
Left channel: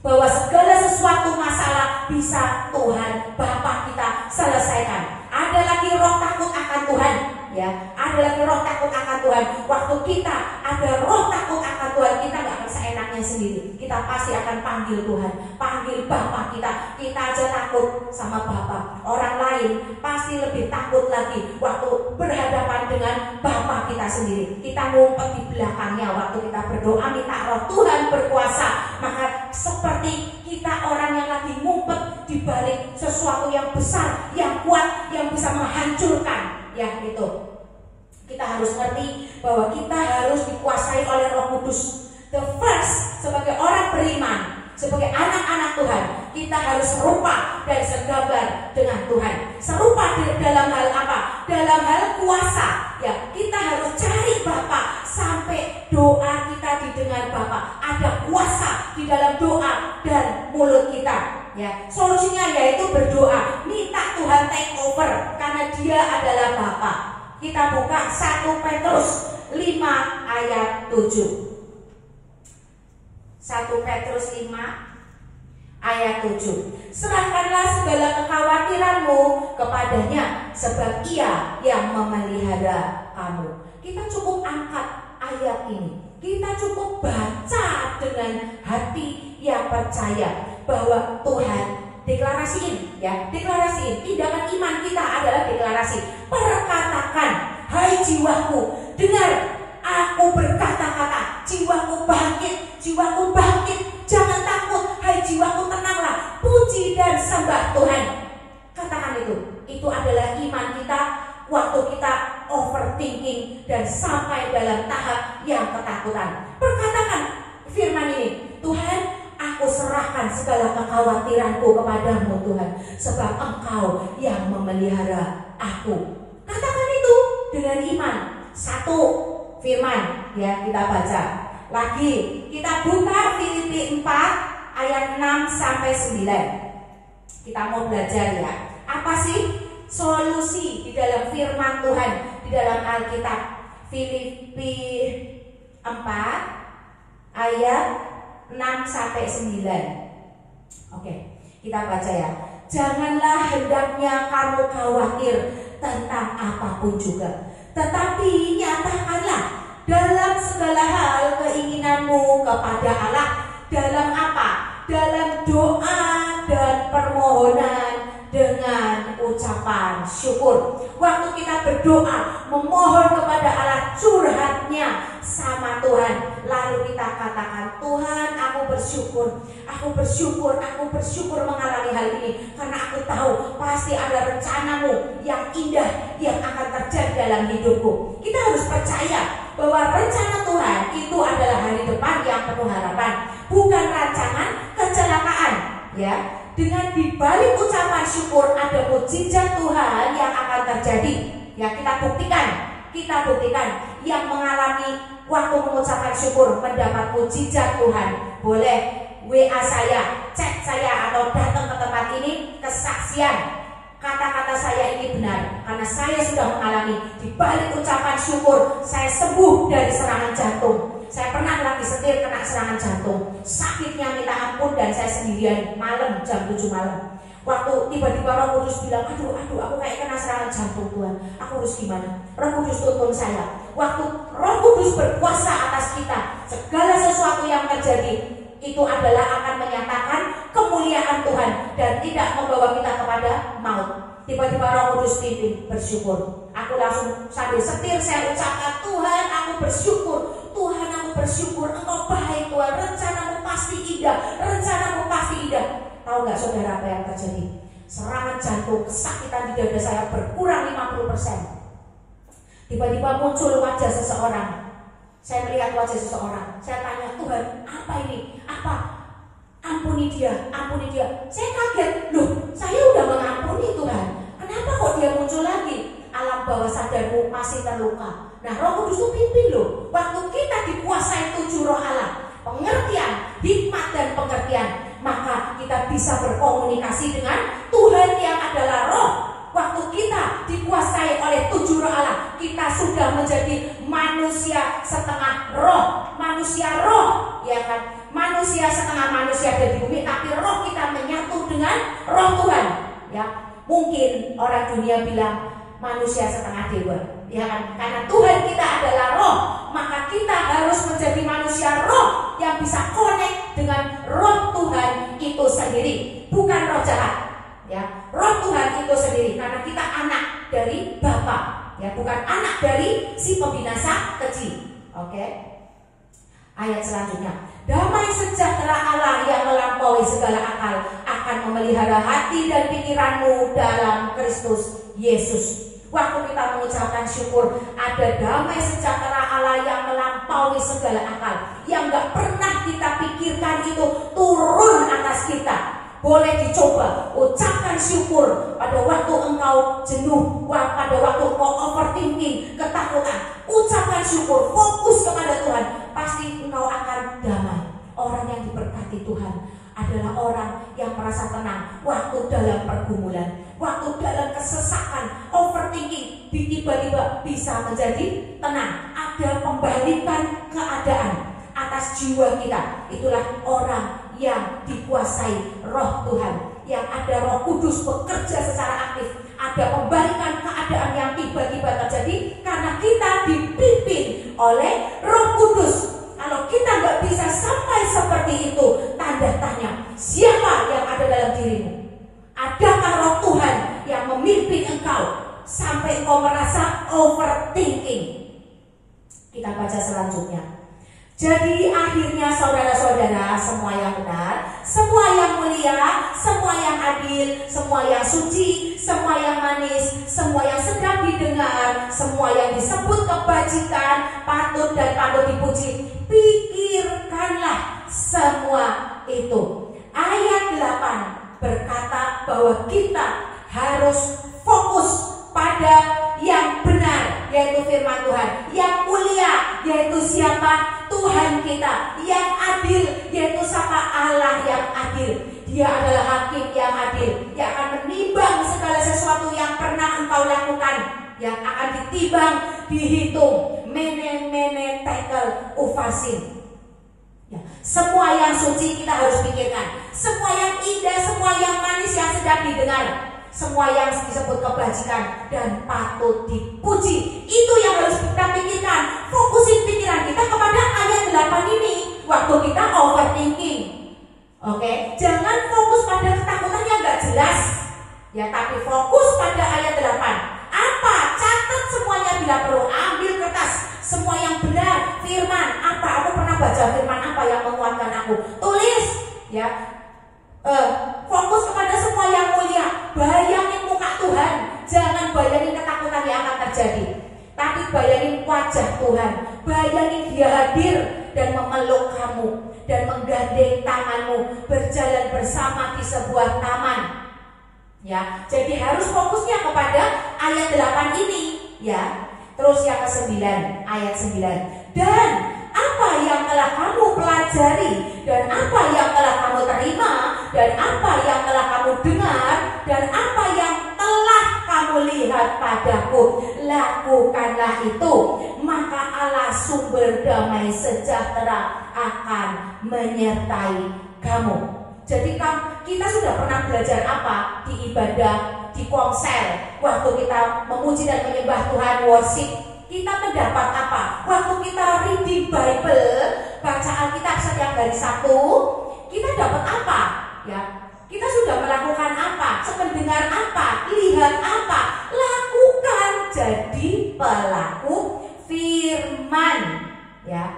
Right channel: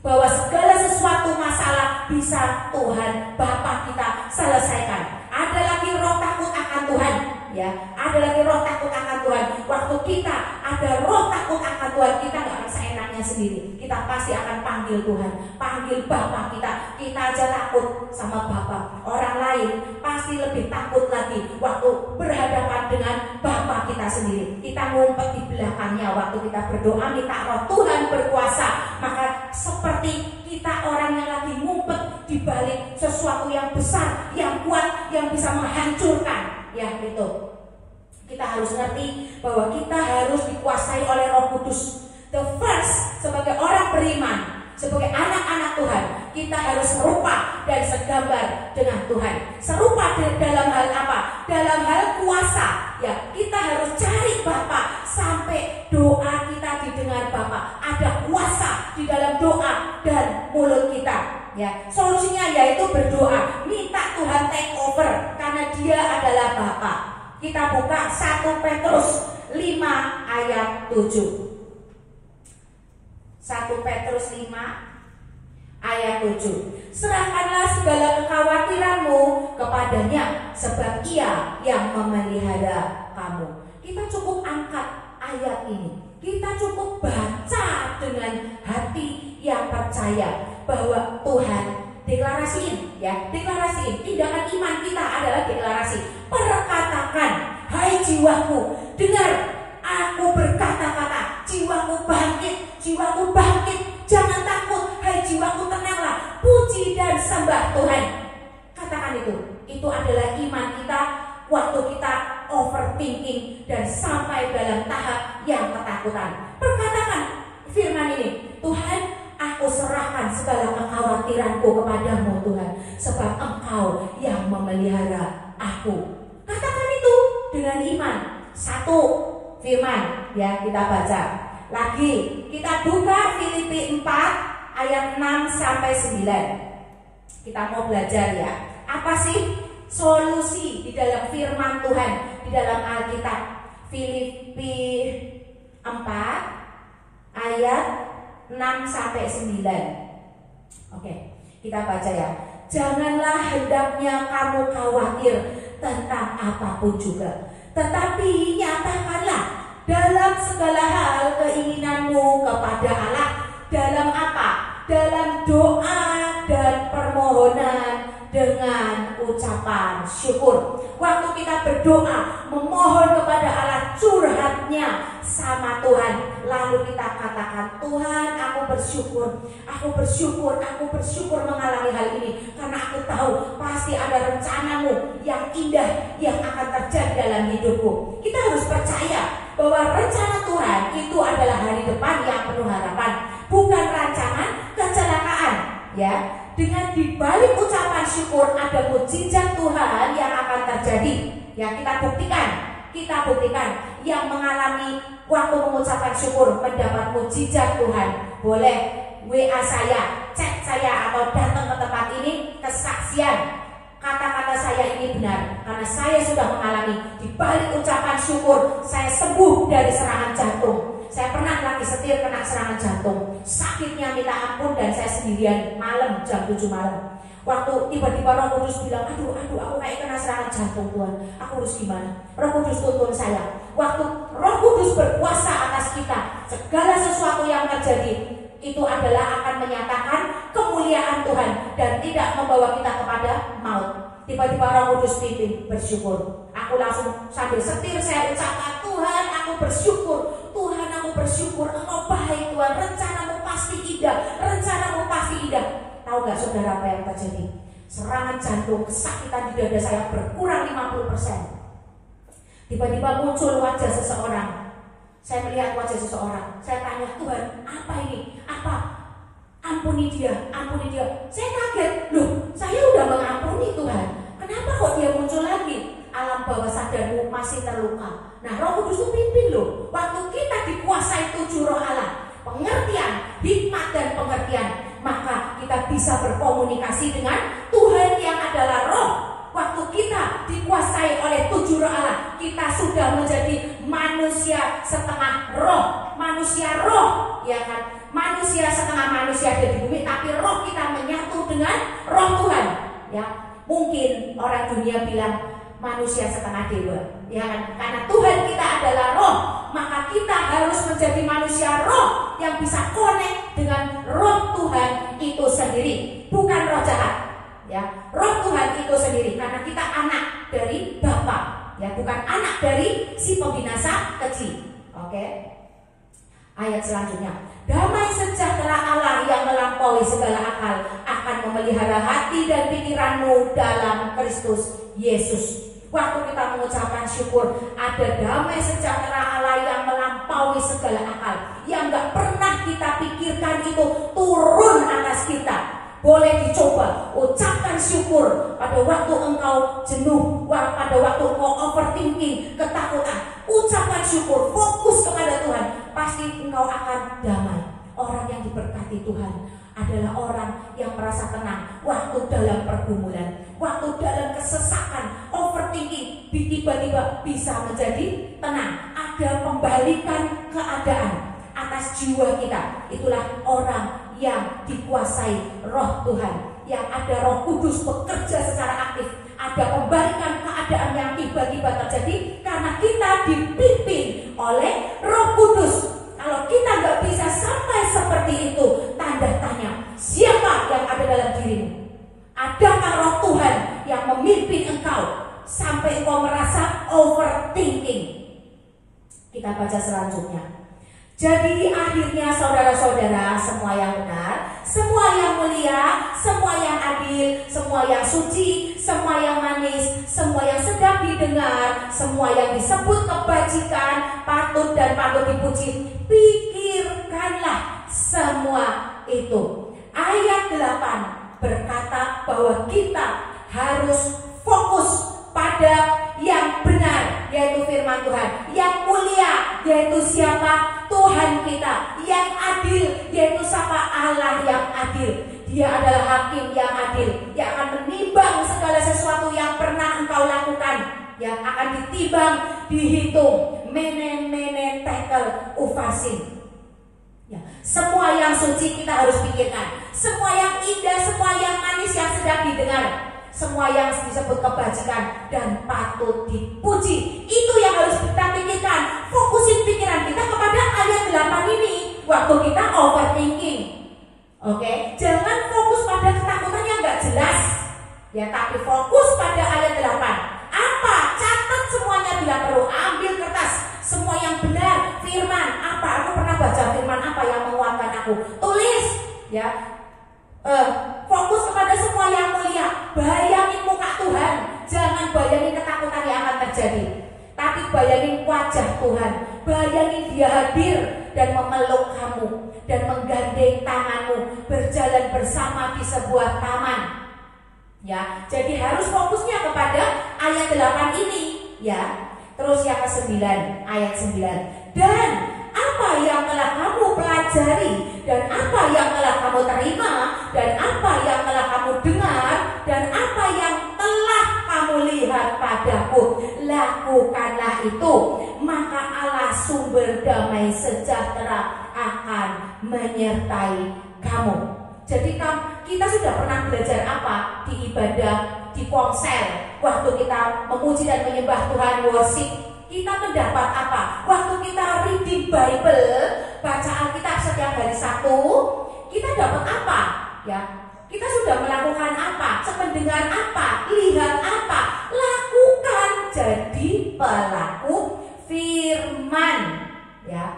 bahwa segala sesuatu masalah bisa Tuhan Bapa kita selesaikan. Ada lagi roh takut akan Tuhan, ya. Ada lagi roh takut akan Tuhan. Waktu kita ada roh takut akan Tuhan, kita nggak akan seenaknya sendiri. Kita pasti akan panggil Tuhan, panggil Bapa kita. Kita aja takut sama Bapa. Orang lain pasti lebih takut lagi waktu berhadapan dengan Bapa kita sendiri. Kita ngumpet di belakangnya waktu kita berdoa minta roh Tuhan berkuasa. Maka seperti kita orang yang lagi ngumpet di balik sesuatu yang besar, yang kuat, yang bisa menghancurkan. Ya, itu. Kita harus ngerti bahwa kita harus dikuasai oleh Roh Kudus. The first, sebagai orang beriman, sebagai anak-anak Tuhan, kita harus serupa dan segambar dengan Tuhan. Serupa dalam hal apa? Dalam hal kuasa. Ya, kita harus cari Bapa sampai doa kita didengar Bapa. Ada kuasa di dalam doa dan mulut kita. Ya, solusinya yaitu berdoa, minta Tuhan take over karena Dia adalah Bapa. Kita buka 1 Petrus 5 ayat 7. 1 Petrus 5 ayat 7. Serahkanlah segala kekhawatiranmu kepadanya, sebab Ia yang memelihara kamu. Kita cukup angkat ayat ini. Kita cukup baca dengan hati yang percaya bahwa Tuhan deklarasiin, ya, deklarasiin. Tindakan iman kita adalah deklarasi. Perkatakan, hai jiwaku, dengar aku berkata-kata. Jiwaku bangkit, jangan takut. Hai jiwaku, tenanglah, puji dan sembah Tuhan. Katakan itu. Itu adalah iman kita waktu kita overthinking dan sampai dalam tahap yang ketakutan. Perkatakan firman ini, Tuhan, aku serahkan segala kekhawatiranku kepadamu Tuhan, sebab Engkau yang memelihara aku. Katakan itu dengan iman. 1 firman, ya, kita baca. Lagi kita buka Filipi 4 ayat 6 sampai 9. Kita mau belajar, ya. Apa sih solusi di dalam firman Tuhan di dalam Alkitab? Filipi 4 ayat 6 sampai 9. Oke, kita baca, ya. Janganlah hendaknya kamu khawatir tentang apapun juga, tetapi nyatakanlah dalam segala hal keinginanmu kepada Allah. Dalam apa? Dalam doa dan permohonan dengan ucapan syukur. Waktu kita berdoa, memohon kepada Allah, curhatnya sama Tuhan, lalu kita katakan, Tuhan, aku bersyukur mengalami hal ini, karena aku tahu pasti ada rencanamu yang indah yang akan terjadi dalam hidupku. Kita harus percaya bahwa rencana Tuhan itu adalah hari depan yang penuh harapan, bukan rancangan kecelakaan, ya. Dengan dibalik ucapan syukur ada mukjizat Tuhan yang akan terjadi. Ya, kita buktikan yang mengalami waktu mengucapkan syukur mendapat mukjizat Tuhan. Boleh WA saya, chat saya, atau datang ke tempat ini, kesaksian. Kata-kata saya ini benar karena saya sudah mengalami dibalik ucapan syukur, saya sembuh dari serangan jantung. Saya pernah lagi setir kena serangan jantung, sakitnya minta ampun, dan saya sendirian malam jam 7 malam. Waktu tiba-tiba Roh Kudus bilang, aduh aku kayak kena serangan jantung Tuhan, aku harus gimana? Roh Kudus tuntun saya. Waktu Roh Kudus berkuasa atas kita, segala sesuatu yang terjadi itu adalah akan menyatakan kemuliaan Tuhan dan tidak membawa kita kepada maut. Tiba-tiba Roh Kudus pimpin bersyukur. Aku langsung sambil setir saya ucapkan, Tuhan, aku bersyukur. Tuhan, aku bersyukur, Engkau baik Tuhan, rencanamu pasti indah, rencanamu pasti indah. Tahu nggak saudara apa yang terjadi? Serangan jantung, kesakitan di dada saya berkurang 50%. Tiba-tiba muncul wajah seseorang. Saya melihat wajah seseorang. Saya tanya, Tuhan, apa ini? Apa? Ampuni dia, ampuni dia. Saya kaget, loh, saya udah mengampuni Tuhan. Kenapa kok dia muncul lagi? Alam bawah sadarmu masih terluka. Nah, Roh Kudus itu pimpin loh. Waktu kita dikuasai 7 roh Allah, pengertian, hikmat dan pengertian, maka kita bisa berkomunikasi dengan Tuhan yang adalah Roh. Waktu kita dikuasai oleh 7 roh Allah, kita sudah menjadi manusia setengah roh. Manusia roh, ya kan? Manusia setengah manusia ada di bumi, tapi roh kita menyatu dengan roh Tuhan. Ya, mungkin orang dunia bilang manusia setengah dewa, ya kan? Karena Tuhan kita adalah roh, maka kita harus menjadi manusia roh yang bisa connect dengan roh Tuhan itu sendiri, bukan roh jahat. Ya, roh Tuhan itu sendiri, karena kita anak dari Bapa, ya, bukan anak dari si pembinasa kecil. Oke. Ayat selanjutnya, damai sejahtera Allah yang melampaui segala akal akan memelihara hati dan pikiranmu dalam Kristus Yesus. Waktu kita mengucapkan syukur, ada damai sejahtera Allah yang melampaui segala akal, yang gak pernah kita pikirkan itu turun atas kita. Boleh dicoba, ucapkan syukur pada waktu engkau jenuh, pada waktu engkau overthinking, ketakutan. Ucapkan syukur, fokus kepada Tuhan, pasti engkau akan damai. Orang yang diberkati Tuhan adalah orang yang merasa tenang waktu dalam pergumulan, waktu dalam kesesakan, overthinking, tiba-tiba bisa menjadi tenang. Ada pembalikan keadaan atas jiwa kita. Itulah orang yang dikuasai roh Tuhan, yang ada Roh Kudus bekerja secara aktif. Ada pembalikan keadaan yang tiba-tiba terjadi karena kita dipimpin oleh Roh Kudus. Kalau kita nggak bisa sampai seperti itu, tanda tanya, siapa yang ada dalam dirimu? Adakah roh Tuhan yang memimpin engkau sampai engkau merasa overthinking? Kita baca selanjutnya. Jadi akhirnya saudara-saudara, semua yang benar, semua yang mulia, semua yang adil, semua yang suci, semua yang manis, semua yang sedap didengar, semua yang disebut kebajikan, patut dan patut dipuji, pikirkanlah semua itu. Ayat 8 berkata bahwa kita harus fokus pada yang benar, yaitu firman Tuhan, yang mulia, yaitu siapa? Tuhan kita, yang adil, yaitu siapa? Allah yang adil. Dia adalah hakim yang adil, yang akan menimbang segala sesuatu yang pernah engkau lakukan, yang akan ditimbang, dihitung. Mene tekel ufasin. Ya, semua yang suci kita harus pikirkan, semua yang indah, semua yang manis, yang sedap didengar, semua yang disebut kebajikan dan patut dipuji, itu yang harus kita pikirkan. Fokusin pikiran kita kepada ayat 8 ini waktu kita overthinking. Oke, jangan fokus pada ketakutan yang gak jelas, ya, tapi fokus pada ayat 8. Apa? Catat semuanya bila perlu, ambil kertas, semua yang benar, firman apa? Aku pernah baca firman apa yang menguatkan aku, tulis, ya. Fokus kepada semua yang mulia. Bayangin muka Tuhan, jangan bayangin ketakutan yang akan terjadi, tapi bayangin wajah Tuhan. Bayangin Dia hadir dan memeluk kamu dan menggandeng tanganmu, berjalan bersama di sebuah taman. Ya, jadi harus fokusnya kepada ayat 8 ini, ya. Terus yang ke-9, ayat 9. Dan apa yang telah kamu pelajari, dan apa yang telah kamu terima, dan apa yang telah kamu dengar, dan apa yang telah kamu lihat padaku, lakukanlah itu, maka Allah sumber damai sejahtera akan menyertai kamu. Jadi kita sudah pernah belajar apa di ibadah, di komsel, waktu kita memuji dan menyembah Tuhan, worship. Kita mendapat apa? Waktu kita reading Bible, baca Alkitab setiap hari Sabtu, kita dapat apa? Ya, kita sudah melakukan apa? Mendengar apa? Lihat apa? Lakukan, jadi pelaku firman. Ya,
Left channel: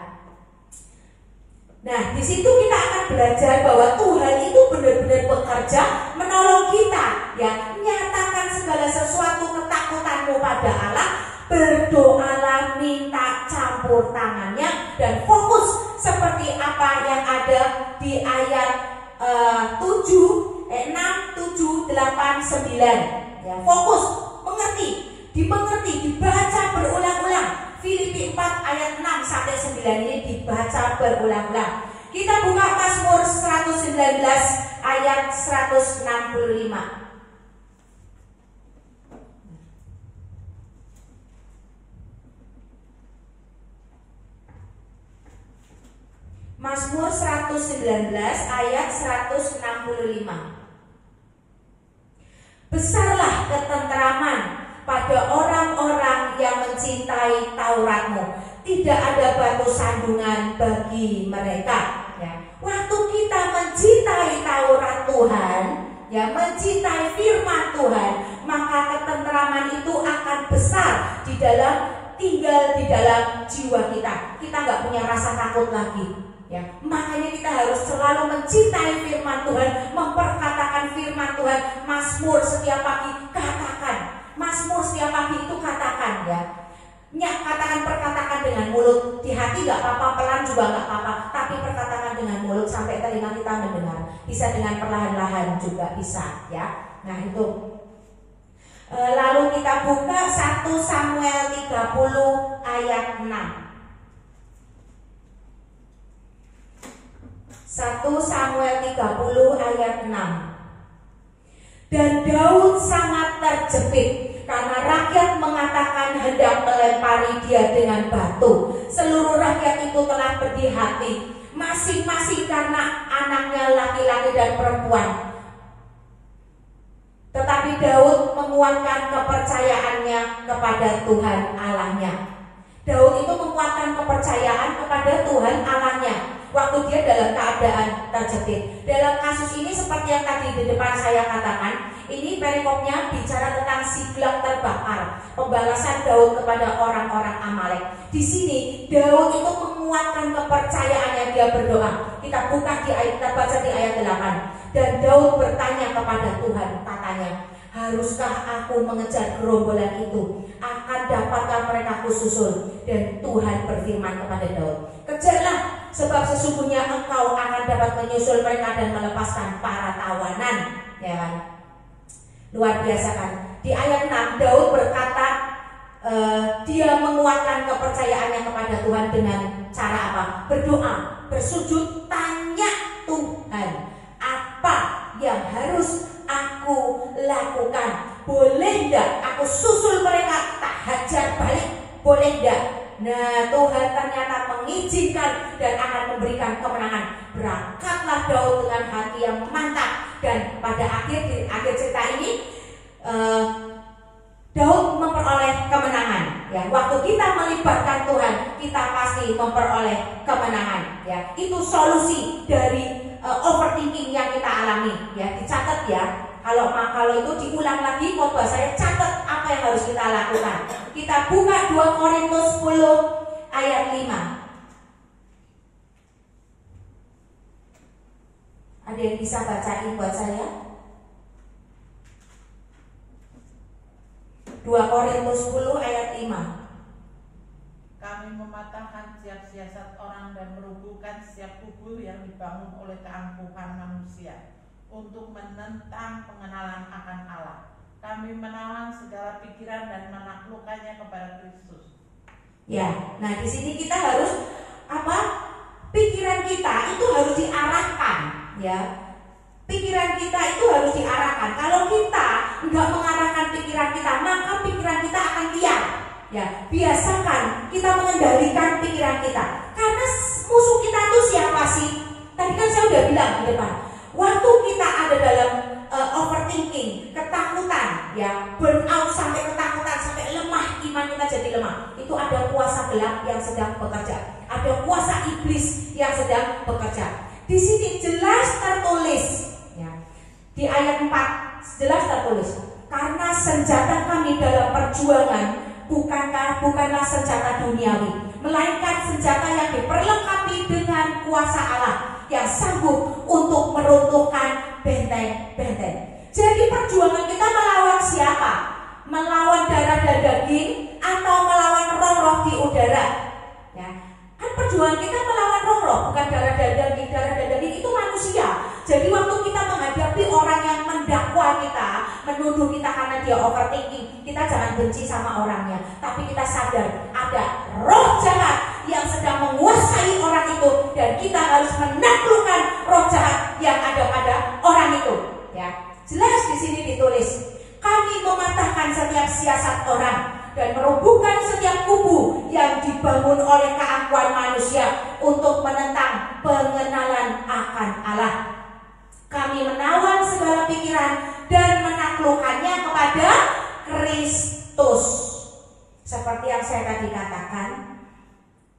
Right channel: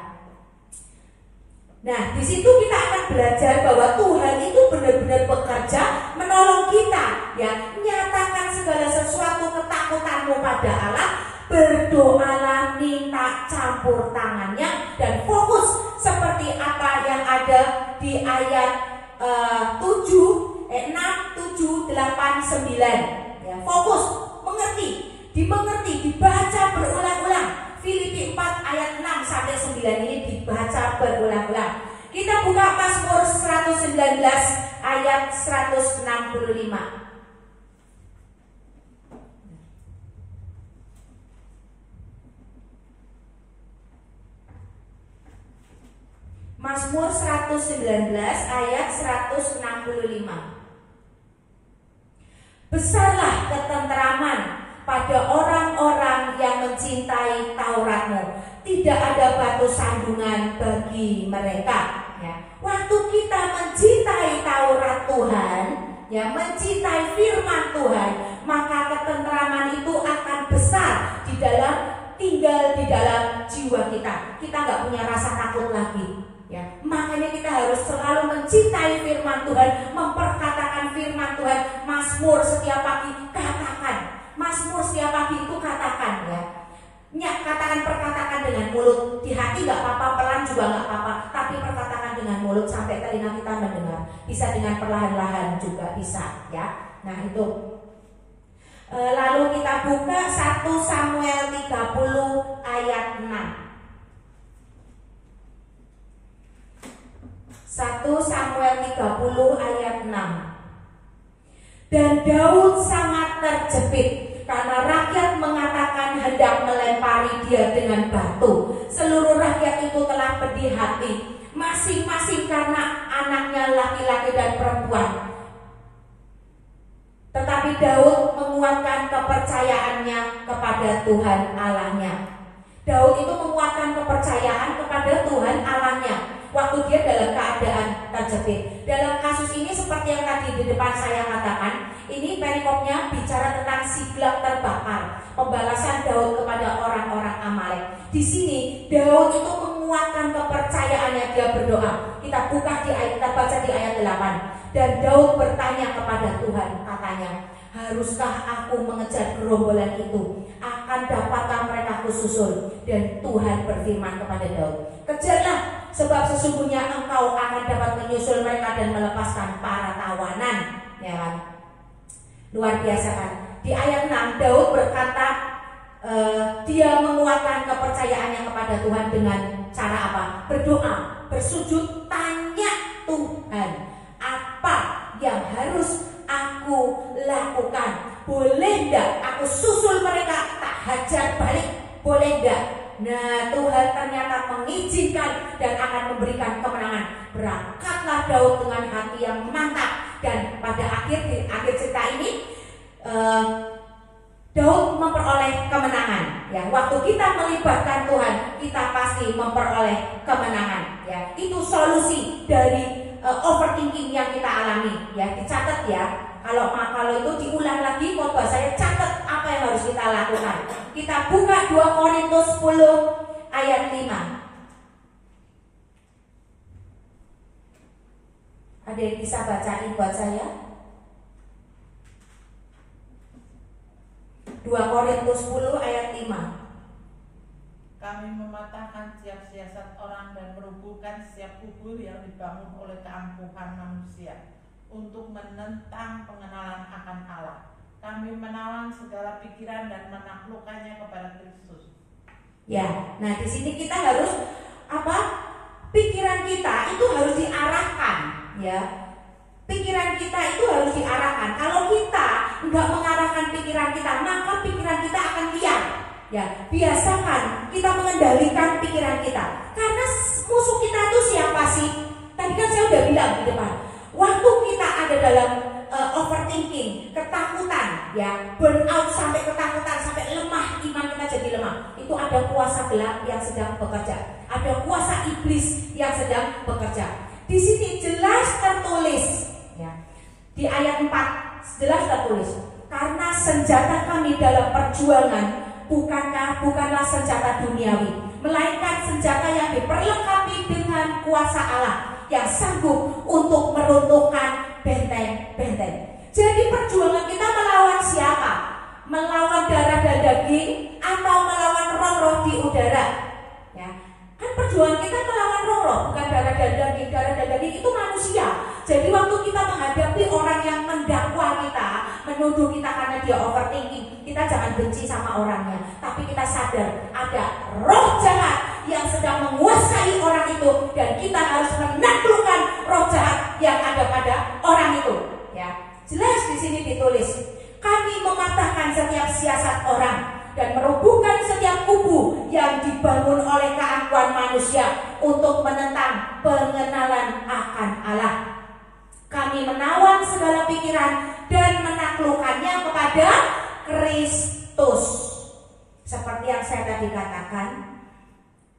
Nah, di situ kita akan belajar bahwa Tuhan itu benar-benar bekerja menolong kita, ya. Nyatakan segala sesuatu ketakutanmu pada Allah, berdoalah, minta campur tangannya, dan fokus seperti apa yang ada di ayat 6, 7, 8, 9. Ya, fokus, mengerti, dimengerti, dibaca berulang-ulang. Filipi 4 ayat 6 sampai 9 ini dibaca berulang-ulang. Kita buka Mazmur 119 ayat 165. Mazmur 119 ayat 165. Besarlah ketenteraman pada orang-orang yang mencintai Tauratmu. Tidak ada batu sandungan bagi mereka. Ya. Waktu kita mencintai Taurat Tuhan, ya, mencintai firman Tuhan, maka ketenteraman itu akan besar tinggal di dalam jiwa kita. Kita nggak punya rasa takut lagi. Ya, makanya kita harus selalu mencintai firman Tuhan, memperkatakan firman Tuhan. Mazmur setiap pagi katakan. Mazmur setiap pagi itu katakan, ya. Perkatakan dengan mulut. Di hati nggak apa-apa, pelan juga nggak apa-apa, tapi perkatakan dengan mulut sampai telinga kita mendengar. Bisa dengan perlahan-lahan juga bisa, ya. Nah itu. Lalu kita buka 1 Samuel 30 ayat 6. 1 Samuel 30 ayat 6. Dan Daud sangat terjepit karena rakyat mengatakan hendak melempari dia dengan batu. Seluruh rakyat itu telah pedih hati, masing-masing karena anaknya laki-laki dan perempuan. Tetapi Daud menguatkan kepercayaannya kepada Tuhan Allahnya. Daud itu menguatkan kepercayaan kepada Tuhan Allahnya waktu dia dalam keadaan terjepit. Dalam kasus ini seperti yang tadi di depan saya katakan, ini perikopnya bicara tentang Siklag terbakar, pembalasan Daud kepada orang-orang Amalek. Di sini Daud itu menguatkan kepercayaannya, dia berdoa. Kita baca di ayat 8. Dan Daud bertanya kepada Tuhan, katanya, haruskah aku mengejar gerombolan itu? Akan dapatkah mereka kususul? Dan Tuhan berfirman kepada Daud, kejarlah, sebab sesungguhnya engkau akan dapat menyusul mereka dan melepaskan para tawanan. Ya kan? Luar biasa kan? Di ayat 6 Daud berkata, dia menguatkan kepercayaannya kepada Tuhan dengan cara apa? Berdoa, bersujud, tanya Tuhan, apa yang harus aku lakukan? Boleh enggak aku susul mereka, tak hajar balik? Boleh enggak? Nah, Tuhan ternyata mengizinkan dan akan memberikan kemenangan. Berangkatlah Daud dengan hati yang mantap. Dan pada akhir cerita ini Daud memperoleh kemenangan. Ya, waktu kita melibatkan Tuhan, kita pasti memperoleh kemenangan. Ya, itu solusi dari overthinking yang kita alami. Ya, dicatat ya. Kalau itu diulang lagi, khotbah saya catat apa yang harus kita lakukan. Kita buka 2 Korintus 10 ayat 5. Ada yang bisa bacain buat saya? 2 Korintus 10 ayat 5. Kami mematahkan setiap siasat orang dan merubuhkan setiap kubu yang dibangun oleh keangkuhan manusia untuk menentang pengenalan akan Allah. Kami menawan segala pikiran dan menaklukkannya kepada Kristus. Ya, nah di sini kita harus apa? Pikiran kita itu harus diarahkan, ya. Pikiran kita itu harus diarahkan. Kalau kita nggak mengarahkan pikiran kita, maka pikiran kita akan liar. Ya, biasakan kita mengendalikan pikiran kita. Karena musuh kita itu siapa sih? Tadi kan saya udah bilang di depan. Waktu kita ada dalam overthinking, ketakutan, ya, burnout sampai ketakutan, sampai lemah, iman kita jadi lemah. Itu ada kuasa gelap yang sedang bekerja. Ada kuasa iblis yang sedang bekerja. Di sini jelas tertulis, ya, di ayat 4 jelas tertulis, karena senjata kami dalam perjuangan bukanlah senjata duniawi, melainkan senjata yang diperlengkapi dengan kuasa Allah yang sanggup untuk meruntuhkan benteng-benteng. Jadi perjuangan kita melawan siapa? Melawan darah dan daging atau melawan roh-roh di udara? Ya, kan perjuangan kita melawan roh-roh, bukan darah dan daging. Darah dan daging itu manusia. Jadi waktu kita menghadapi orang yang mendakwa kita, menuduh kita karena dia overthinking, kita jangan benci sama orangnya, tapi kita sadar ada roh jahat yang sedang menguasai orang itu, dan kita harus menaklukkan roh jahat yang ada pada orang itu. Ya, jelas di sini ditulis, kami mematahkan setiap siasat orang dan merobohkan setiap kubu yang dibangun oleh keangkuhan manusia untuk menentang pengenalan akan Allah. Kami menawan segala pikiran dan menaklukkannya kepada Kristus. Seperti yang saya tadi katakan,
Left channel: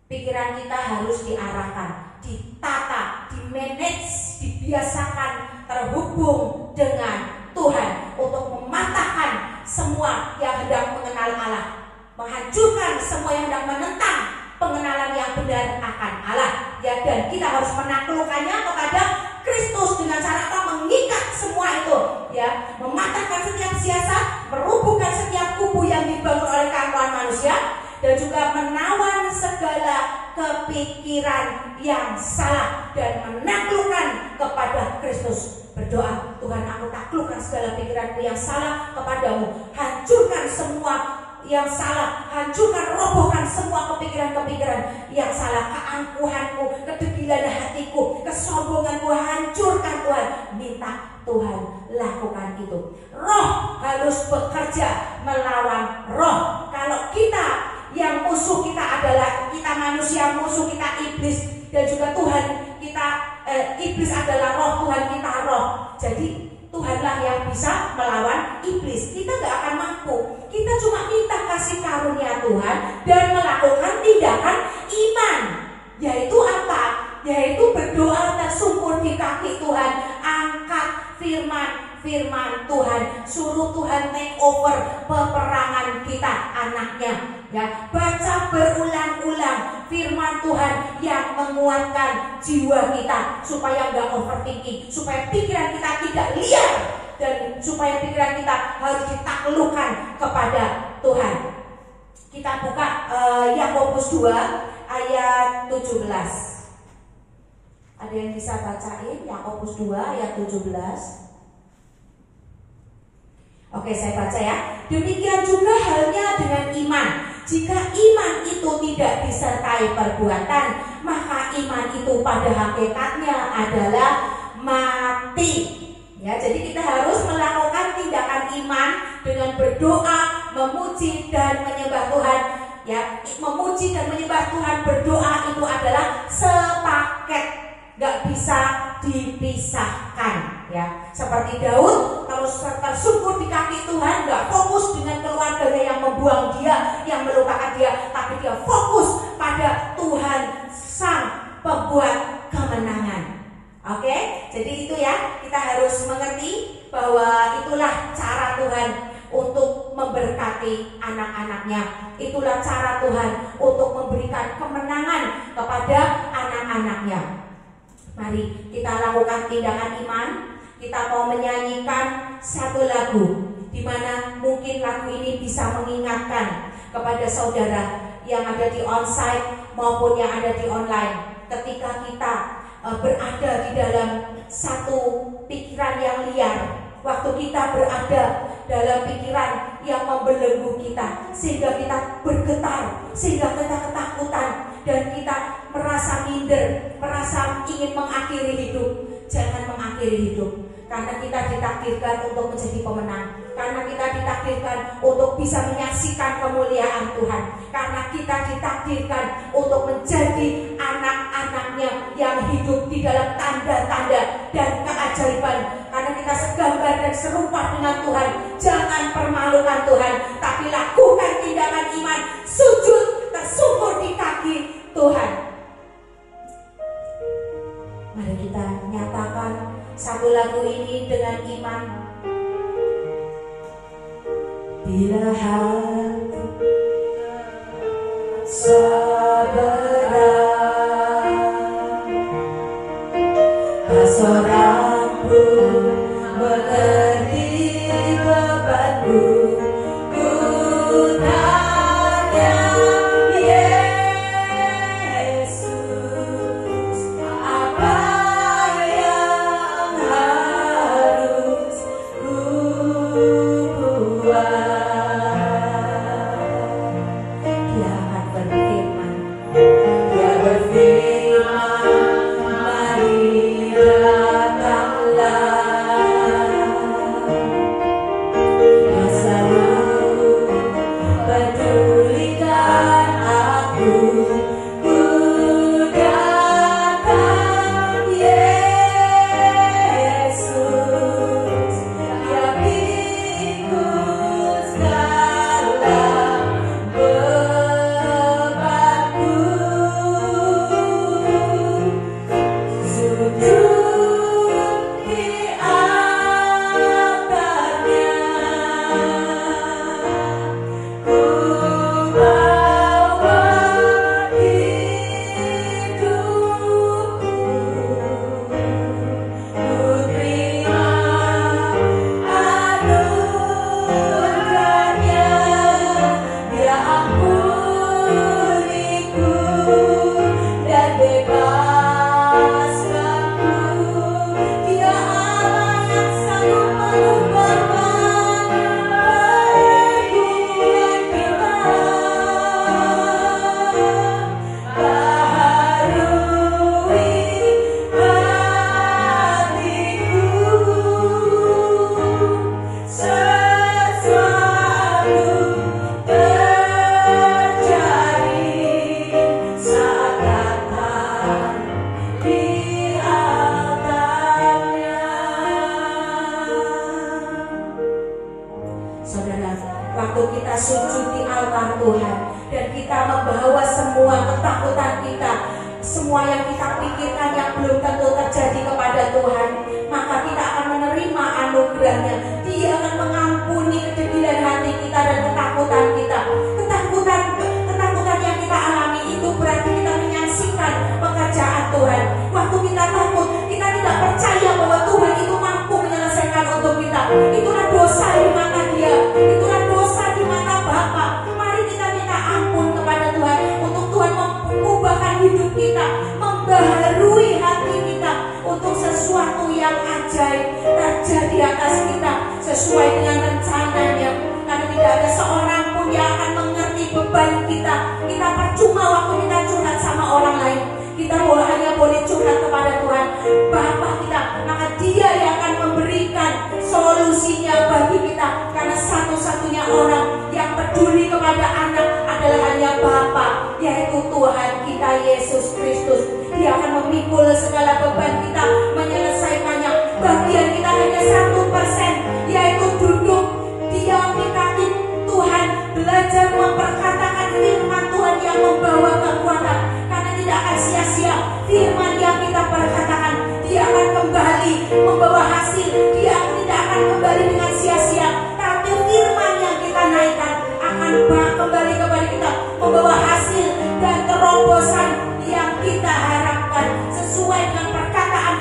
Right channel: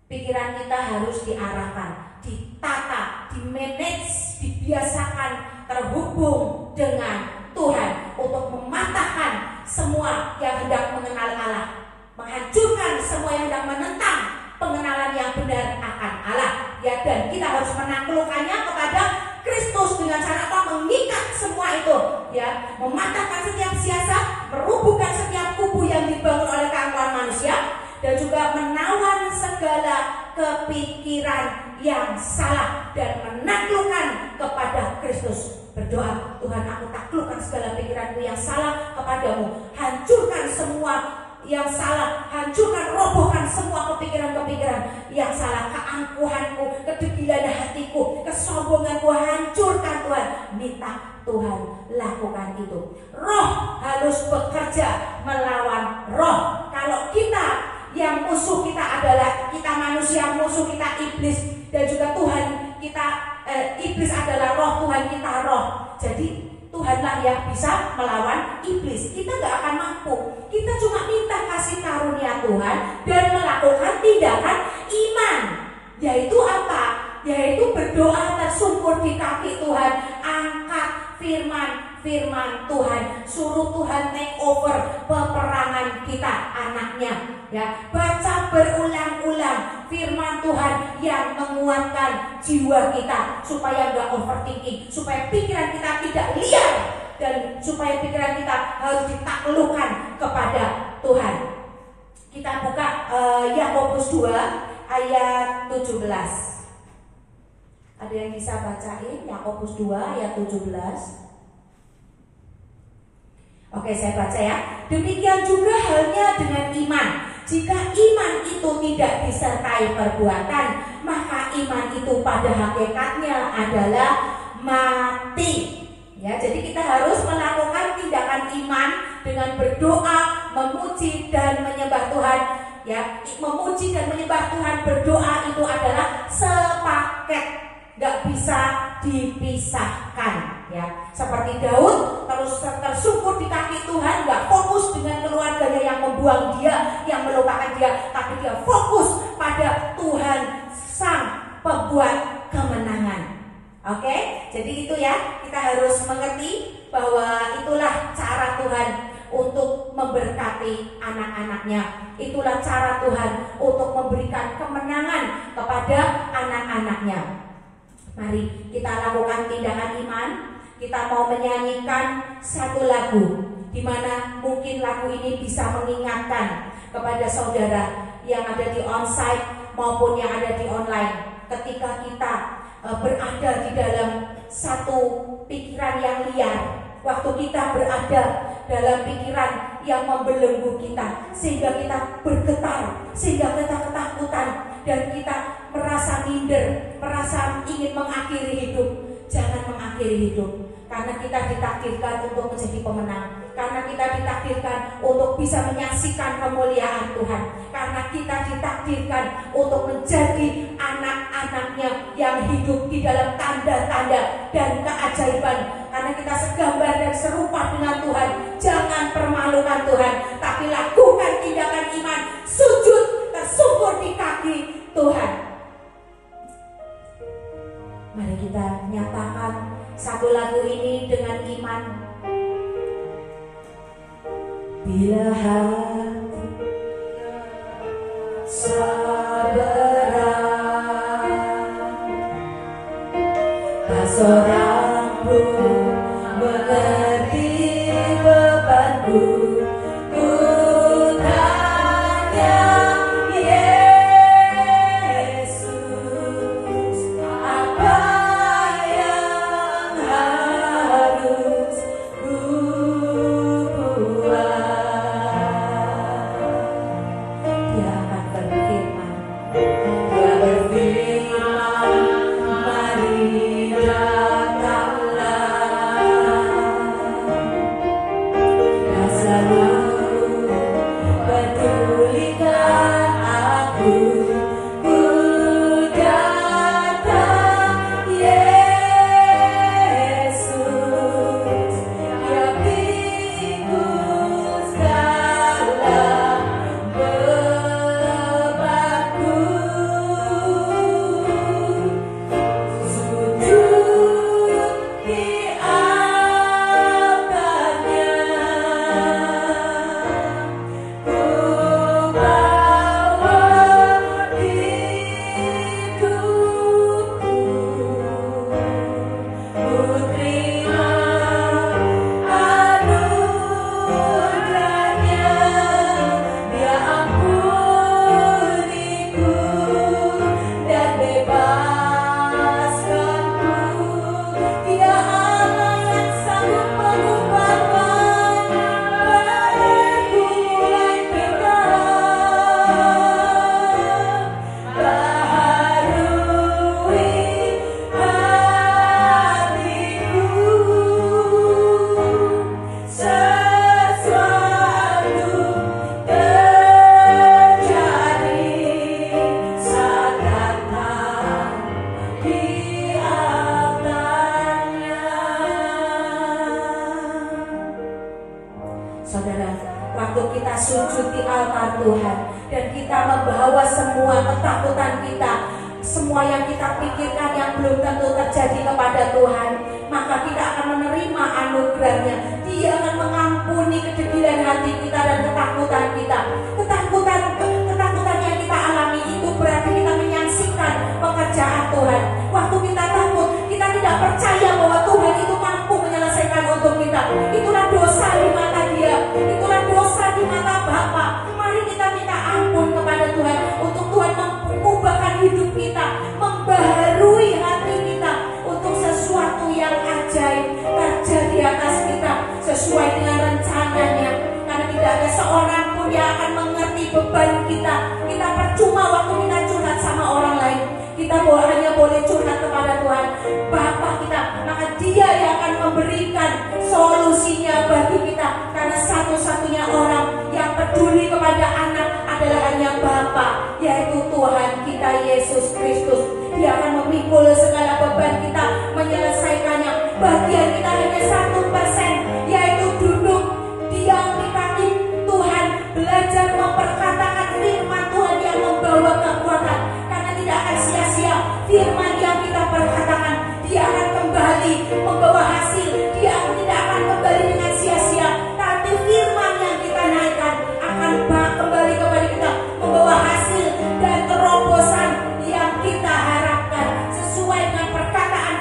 pikiran kita harus diarahkan, ditata, dimanage, dibiasakan terhubung dengan Tuhan untuk mematahkan semua yang hendak mengenal Allah, menghancurkan semua yang hendak menentang pengenalan yang benar akan Allah. Ya, dan kita harus menaklukkannya kepada Kristus dengan cara apa? Mengikat semua itu, ya, mematahkan setiap siasat, merubuhkan setiap kubu yang dibangun oleh keangkuhan manusia, dan juga menawan segala kepikiran yang salah dan menaklukkan kepada Kristus. Berdoa, Tuhan, aku taklukkan segala pikiranku yang salah kepadamu, hancurkan semua yang salah, hancurkan, robohkan semua kepikiran-kepikiran yang salah, keangkuhanku, kedegilan hatiku, kesombonganku, hancurkan Tuhan. Minta Tuhan lakukan itu. Roh harus bekerja melawan roh. Kalau kita, yang musuh kita adalah kita manusia, musuh kita iblis, dan juga Tuhan kita, iblis adalah roh, Tuhan kita roh. Jadi Tuhanlah yang bisa melawan iblis. Kita gak akan mampu. Kita cuma minta kasih karunia Tuhan dan melakukan tindakan iman. Yaitu apa? Yaitu berdoa tersungkur di kaki Tuhan. Angkat firman Tuhan. Suruh Tuhan take over peperangan kita, anaknya. Ya, baca berulang-ulang firman Tuhan yang menguatkan jiwa kita supaya nggak overthinking, supaya pikiran kita tidak liar, dan supaya pikiran kita harus ditaklukkan kepada Tuhan. Kita buka Yakobus 2 ayat 17. Ada yang bisa bacain Yakobus 2 ayat 17? Oke, saya baca ya. Demikian juga halnya dengan iman. Jika iman itu tidak disertai perbuatan, maka iman itu pada hakikatnya adalah mati. Ya, jadi kita harus melakukan tindakan iman dengan berdoa, memuji dan menyembah Tuhan. Ya, memuji dan menyembah Tuhan, berdoa itu adalah sepaket, gak bisa dipisahkan. Ya, seperti Daud terus tersungkur di kaki Tuhan, gak fokus dengan keluarganya yang membuang dia, yang melupakan dia, tapi dia fokus pada Tuhan sang pembuat kemenangan. Oke, jadi itu ya, kita harus mengerti bahwa itulah cara Tuhan untuk memberkati anak-anaknya. Itulah cara Tuhan untuk memberikan kemenangan kepada anak-anaknya. Mari kita lakukan tindakan iman. Kita mau menyanyikan satu lagu, di mana mungkin lagu ini bisa mengingatkan kepada saudara yang ada di onsite maupun yang ada di online. Ketika kita berada di dalam satu pikiran yang liar, waktu kita berada dalam pikiran yang membelenggu kita, sehingga kita bergetar, sehingga kita ketakutan, dan kita merasa minder, merasa ingin mengakhiri hidup. Jangan mengakhiri hidup, karena kita ditakdirkan untuk menjadi pemenang, karena kita ditakdirkan untuk bisa menyaksikan kemuliaan Tuhan, karena kita ditakdirkan untuk menjadi anak-anaknya yang hidup di dalam tanda-tanda dan keajaiban, karena kita segambar dan serupa dengan Tuhan. Jangan permalukan Tuhan, tapi lakukan tindakan iman, sujud tersungkur di kaki Tuhan. Mari kita nyatakan satu lagu ini dengan iman. Bila hati sabar seorang pun mengerti bebanku. Ku tanya Yesus, apa yang harus ku buat? Dia akan berfirman, Dia berfirman, mari datanglah. Dia selalu pedulikan aku. Ku datang Yesus, Dia pikul segala bebanku. Sujud di altarnya, ku bawa hidupku. Ku terima anugerahnya, Dia ampuniku dan bebaskanku. Dia Allah yang sanggup mengubahkan pergumulan kita. Baharui hatiku, sesuatu terjadi saat datang di altarnya. Saudara, waktu kita sujud di altar Tuhan dan kita membawa semua ketakutan kita, semua yang kita pikirkan yang belum tentu terjadi kepada Tuhan, maka kita akan menerima anugerahnya. Dia akan mengampuni kededilan hati kita dan ketakutan kita. Ketakutan yang kita alami itu berarti kita menyaksikan pekerjaan Tuhan. Waktu kita takut, kita tidak percaya bahwa Tuhan itu mampu menyelesaikan untuk kita. Itulah dosa di mata Dia, itulah dosa di mata Bapa. Mari kita minta ampun kepada Tuhan untuk Tuhan mengubahkan hidup kita, membaharui hati kita untuk sesuatu yang ajaib terjadi atas kita sesuai dengan rencananya. Karena tidak ada seorang pun yang akan mengerti beban kita. Kita percuma waktu kita curhat sama orang lain. Kita hanya boleh curhat kepada Tuhan Bapa kita, maka Dia yang akan memberikan solusinya bagi kita. Karena satu-satunya orang yang peduli kepada anak adalah hanya Bapa, yaitu Tuhan kita Yesus Kristus. Dia akan memikul segala beban kita, menyelesaikannya. Bagian kita hanya 1%, yaitu duduk diam di kaki Tuhan, belajar memperkatakan firman Tuhan yang membawa kekuatan. Karena tidak akan sia-sia firman yang kita perkatakan, dia akan kembali membawa hasil. Dia tidak akan kembali dengan sia-sia, tapi firman yang kita naikkan akan kembali kepada kita, membawa hasil dan terobosan yang kita harapkan sesuai dengan perkataan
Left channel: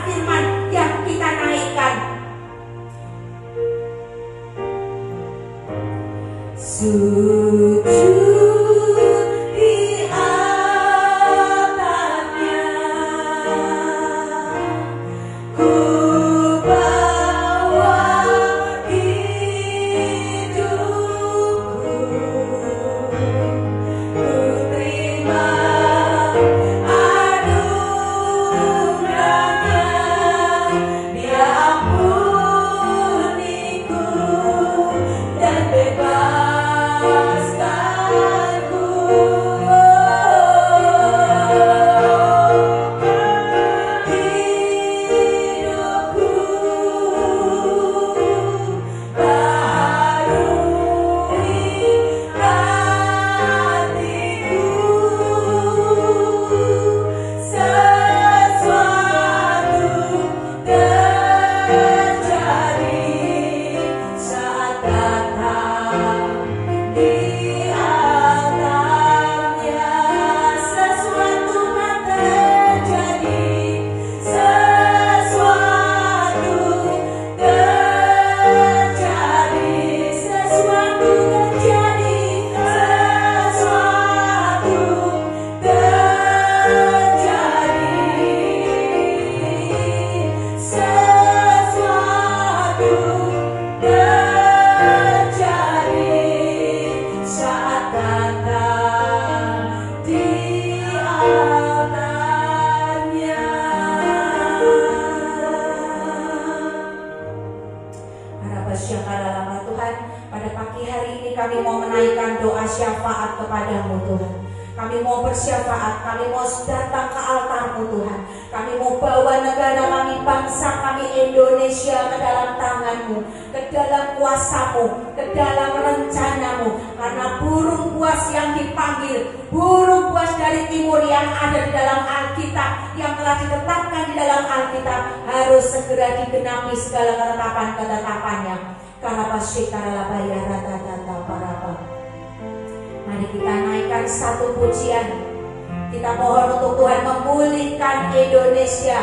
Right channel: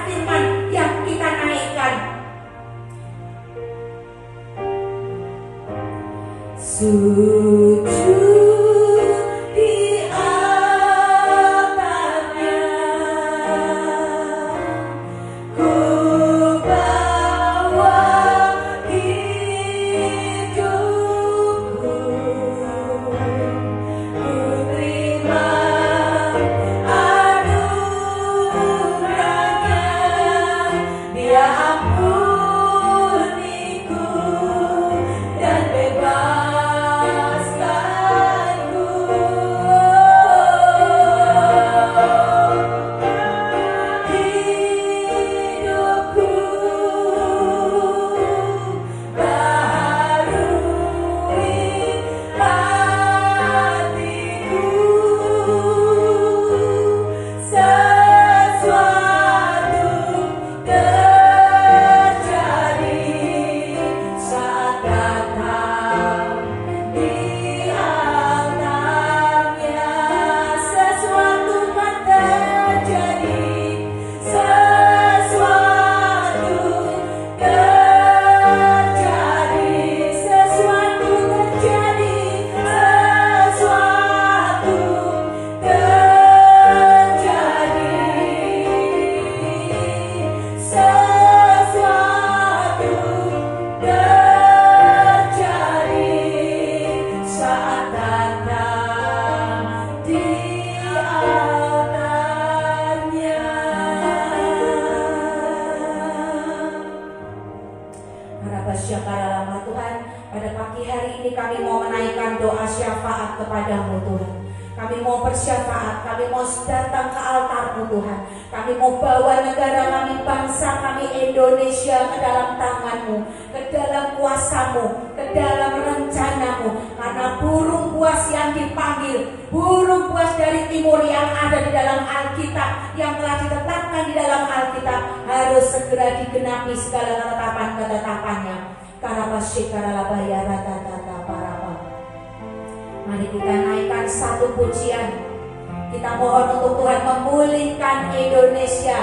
Kami mau bersyafaat, kami mau datang ke altar-Mu Tuhan. Kami mau bawa negara kami, bangsa kami Indonesia ke dalam tangan-Mu, ke dalam kuasa-Mu, ke dalam rencana-Mu. Karena burung buas yang dipanggil, burung buas dari timur yang ada di dalam Alkitab, yang telah ditetapkan di dalam Alkitab, harus segera digenapi segala ketetapan-ketetapannya. Mari kita naikkan satu pujian. Kita mohon untuk Tuhan memulihkan Indonesia.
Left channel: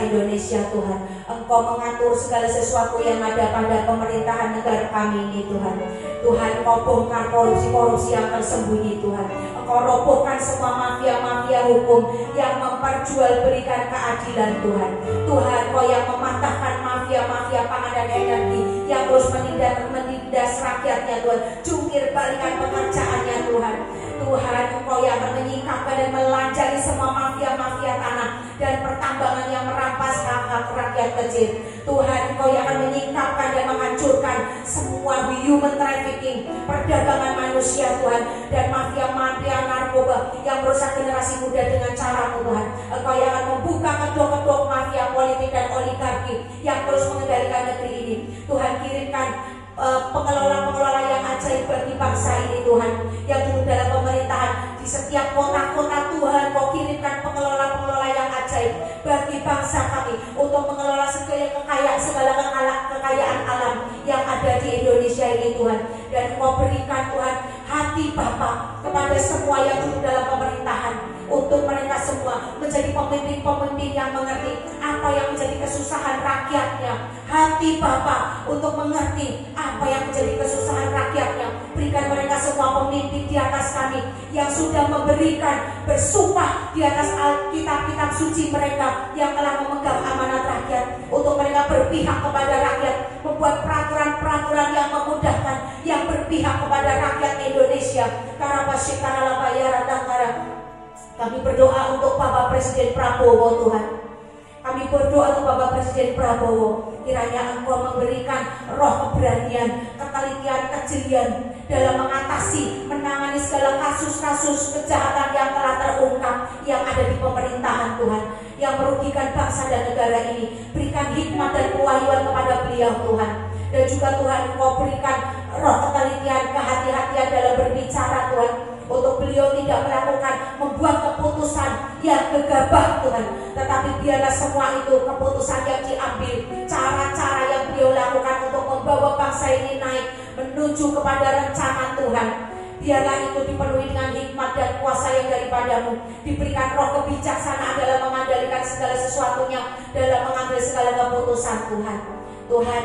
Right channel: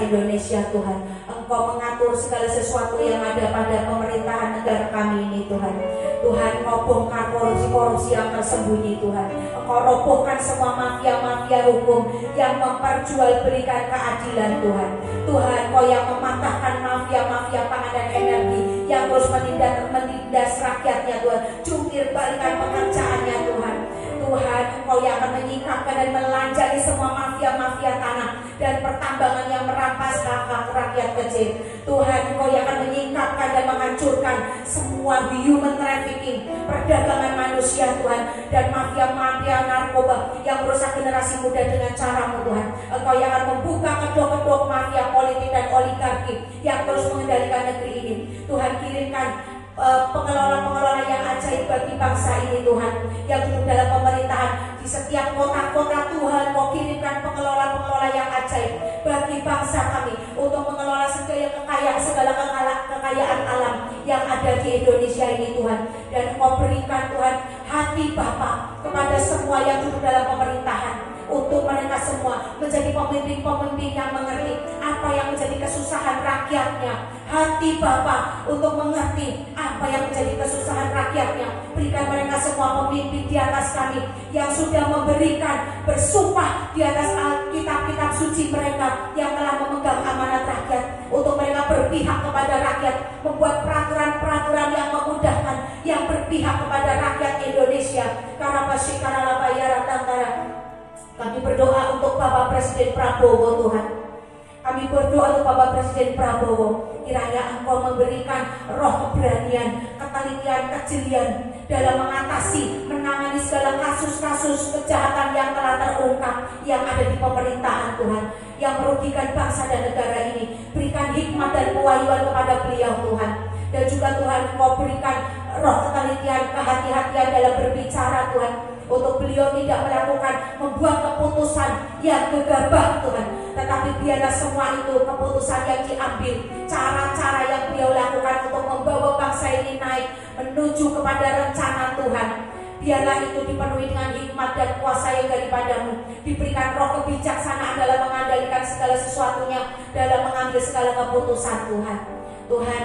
Tuhan Indonesia Tuhan. Engkau mengatur segala sesuatu yang ada pada pemerintahan negara kami ini Tuhan. Tuhan, Engkau bongkar korupsi-korupsi yang tersembunyi Tuhan. Engkau robohkan semua mafia-mafia hukum yang memperjualbelikan keadilan Tuhan. Tuhan, Engkau yang mematahkan mafia-mafia pangan dan energi yang terus menindas rakyatnya Tuhan. Jungkir balikan pekerjaannya Tuhan. Tuhan, Engkau yang akan menyingkapkan dan melanjari semua mafia-mafia tanah dan pertambangan yang merampas hak-hak rakyat kecil. Tuhan, Engkau yang akan menyingkapkan dan menghancurkan semua human trafficking, perdagangan manusia Tuhan, dan mafia-mafia narkoba yang merusak generasi muda dengan cara-Mu Tuhan. Engkau yang akan membuka kedok-kedok mafia politik dan oligarki yang terus mengendalikan negeri ini. Tuhan, kirimkan pengelola-pengelola yang ajaib bagi bangsa ini Tuhan, yang duduk dalam pemerintahan di setiap kota-kota Tuhan. Kau kirimkan pengelola-pengelola yang ajaib bagi bangsa kami untuk mengelola segala kekayaan alam yang ada di Indonesia ini Tuhan. Dan Kau berikan Tuhan hati Bapa kepada semua yang duduk dalam pemerintahan, untuk mereka semua menjadi pemimpin-pemimpin yang mengerti apa yang menjadi kesusahan rakyatnya. Hati Bapa untuk mengerti apa yang menjadi kesusahan rakyatnya. Berikan mereka semua pemimpin di atas kami yang sudah memberikan, bersumpah di atas Alkitab-kitab suci mereka yang telah memegang amanat rakyat, untuk mereka berpihak kepada rakyat, membuat peraturan-peraturan yang memudahkan, yang berpihak kepada rakyat Indonesia. Kami berdoa untuk Bapak Presiden Prabowo Tuhan. Kami berdoa untuk Bapak Presiden Prabowo, kiranya Engkau memberikan roh keberanian, ketelitian, kejelian dalam mengatasi, menangani segala kasus-kasus kejahatan yang telah terungkap yang ada di pemerintahan Tuhan, yang merugikan bangsa dan negara ini. Berikan hikmat dan kewahyuan kepada beliau Tuhan. Dan juga Tuhan, Engkau berikan roh ketelitian, kehati-hatian dalam berbicara Tuhan, untuk beliau tidak membuat keputusan yang gegabah Tuhan, tetapi biarlah semua itu keputusan yang diambil, cara-cara yang beliau lakukan untuk membawa bangsa ini naik menuju kepada rencana Tuhan. Biarlah itu dipenuhi dengan hikmat dan kuasa yang daripada-Mu. Diberikan roh kebijaksanaan dalam mengendalikan segala sesuatunya, dalam mengambil segala keputusan Tuhan. Tuhan,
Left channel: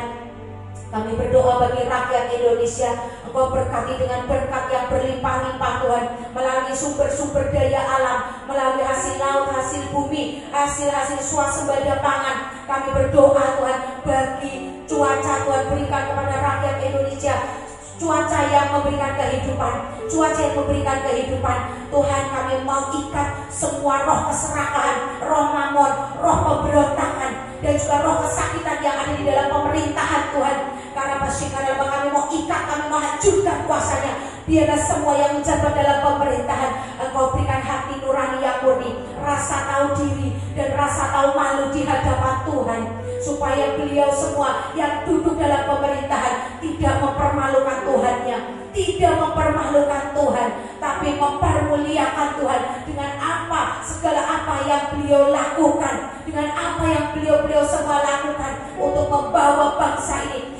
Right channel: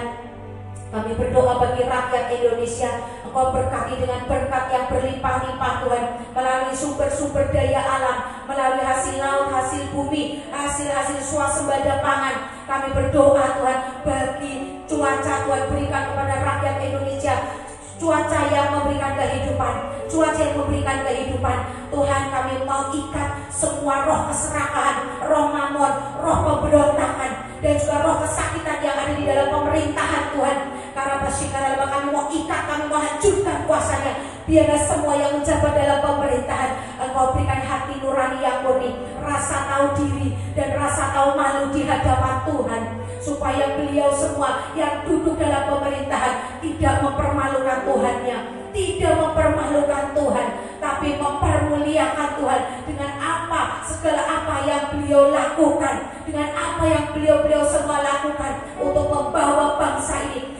kami berdoa bagi rakyat Indonesia. Engkau berkati dengan berkat yang berlimpah-limpah Tuhan, melalui sumber-sumber daya alam, melalui hasil laut, hasil bumi, hasil-hasil swasembada pangan. Kami berdoa Tuhan bagi cuaca Tuhan, berikan kepada rakyat Indonesia cuaca yang memberikan kehidupan, cuaca yang memberikan kehidupan. Tuhan, kami mau ikat semua roh keserakahan, roh mamon, roh pemberontak dan juga roh kesakitan yang ada di dalam pemerintahan Tuhan. Karena kami mau ikat, kami mau hancurkan kuasanya. Biarlah semua yang menjabat dalam pemerintahan, Engkau berikan hati nurani yang murni, rasa tahu diri dan rasa tahu malu di hadapan Tuhan, supaya beliau semua yang duduk dalam pemerintahan tidak mempermalukan Tuhannya, tidak mempermalukan Tuhan, tapi mempermuliakan Tuhan dengan segala apa yang beliau lakukan, dengan apa yang beliau semua lakukan untuk membawa bangsa ini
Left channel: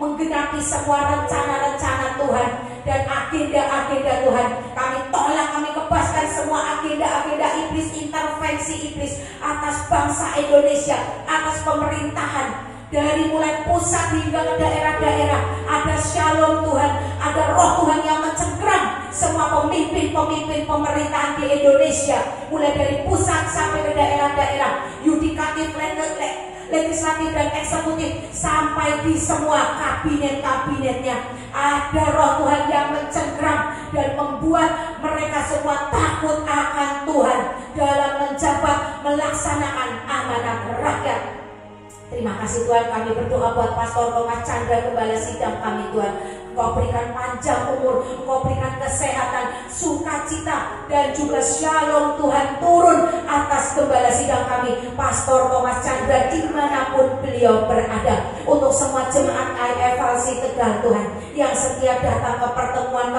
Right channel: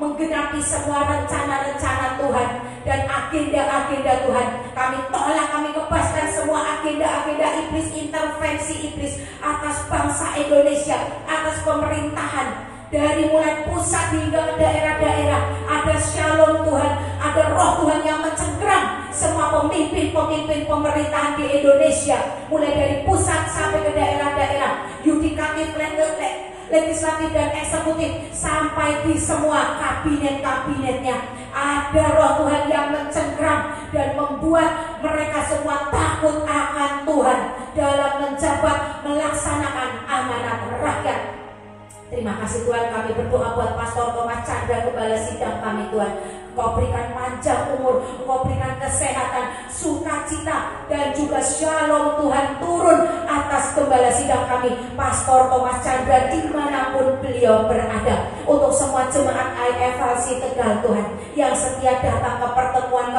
menggenapi semua rencana-rencana Tuhan dan agenda-agenda Tuhan. Kami tolak, kami kebaskan semua agenda-agenda iblis, intervensi iblis atas bangsa Indonesia, atas pemerintahan, dari mulai pusat hingga ke daerah-daerah. Ada shalom Tuhan, ada roh Tuhan yang mencengkram semua pemimpin-pemimpin pemerintahan di Indonesia, mulai dari pusat sampai ke daerah-daerah, yudikatif, legislatif dan eksekutif, sampai di semua kabinet-kabinetnya. Ada roh Tuhan yang mencengkram dan membuat mereka semua takut akan Tuhan dalam menjabat, melaksanakan amanat rakyat. Terima kasih Tuhan, kami berdoa buat Pastor Thomas Chandra, Gembala Sidang kami Tuhan. Engkau berikan panjang umur, Engkau berikan kesehatan, sukacita, dan juga shalom Tuhan turun atas Gembala Sidang kami, Pastor Thomas Chandra, dimanapun beliau berada. Untuk semua jemaat IFLC Tegal Tuhan, yang setia datang ke pertemuan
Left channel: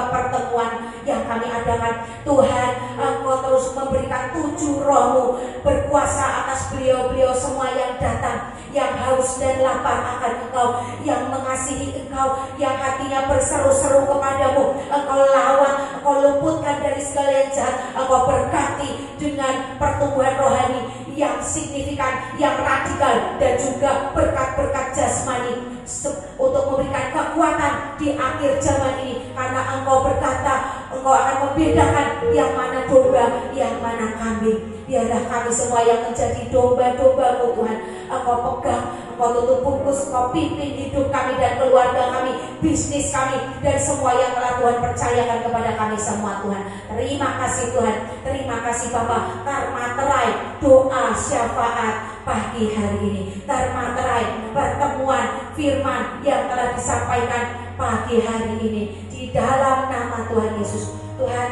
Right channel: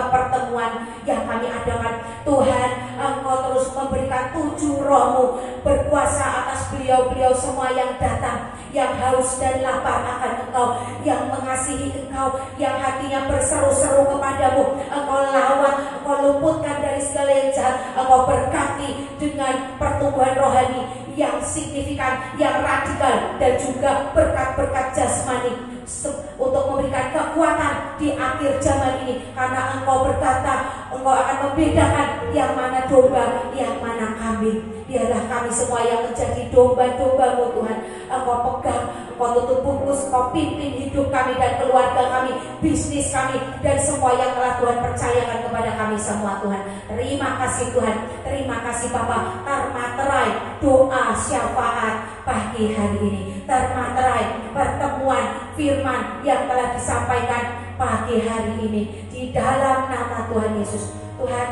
yang kami adakan, Tuhan, Engkau terus memberikan 7 roh-Mu berkuasa atas beliau-beliau semua yang datang, yang haus dan lapar akan Engkau, yang mengasihi Engkau, yang hatinya berseru-seru kepadamu. Engkau lawan, Engkau luputkan dari segala yang jahat, Engkau berkati dengan pertumbuhan rohani yang signifikan, yang radikal, dan juga berkat-berkat jasmani untuk memberikan kekuatan di akhir zaman ini. Karena Engkau berkata, Engkau akan membedakan yang mana domba, yang mana kambing. Biarlah kami semua yang menjadi domba-domba-Mu Tuhan, Engkau pegang, Engkau tutup bungkus, Engkau pimpin hidup kami dan keluarga kami, bisnis kami, dan semua yang telah Tuhan percayakan kepada kami semua Tuhan. Terima kasih Tuhan, terima kasih Bapa. Termaterai doa syafaat pagi hari ini, termaterai pertemuan firman yang telah disampaikan pagi hari ini di dalam nama Tuhan Yesus. Tuhan,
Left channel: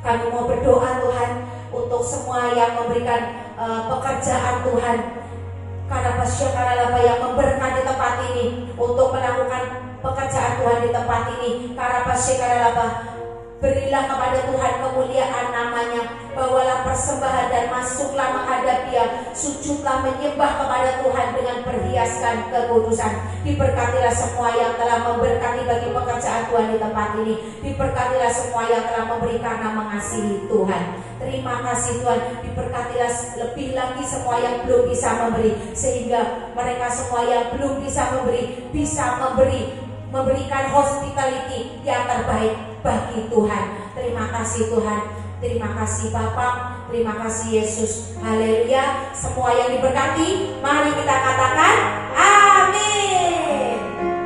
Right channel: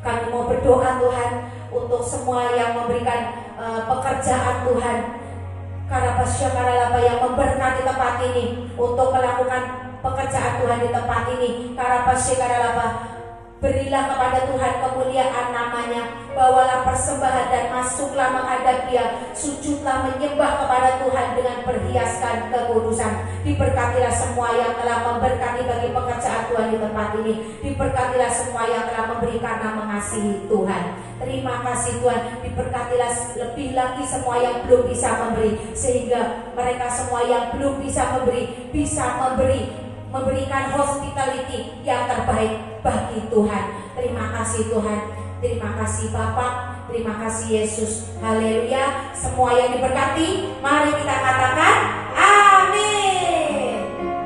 kami mau berdoa Tuhan untuk semua yang memberikan pekerjaan Tuhan, karena yang memberkati tempat ini untuk melakukan pekerjaan Tuhan di tempat ini. Berilah kepada Tuhan kemuliaan namanya. Bawalah persembahan dan masuklah menghadap Dia, sujudlah menyembah kepada Tuhan dengan perhiasan kekudusan. Diberkatilah semua yang telah memberkati bagi pekerjaan Tuhan di tempat ini. Diberkatilah semua yang telah memberi karena mengasihi Tuhan. Terima kasih Tuhan. Diberkatilah lebih lagi semua yang belum bisa memberi, sehingga mereka semua yang belum bisa memberi bisa memberikan hospitality yang terbaik bagi Tuhan. Terima kasih Tuhan, terima kasih Bapa, terima kasih Yesus. Haleluya. Semua yang diberkati, mari kita katakan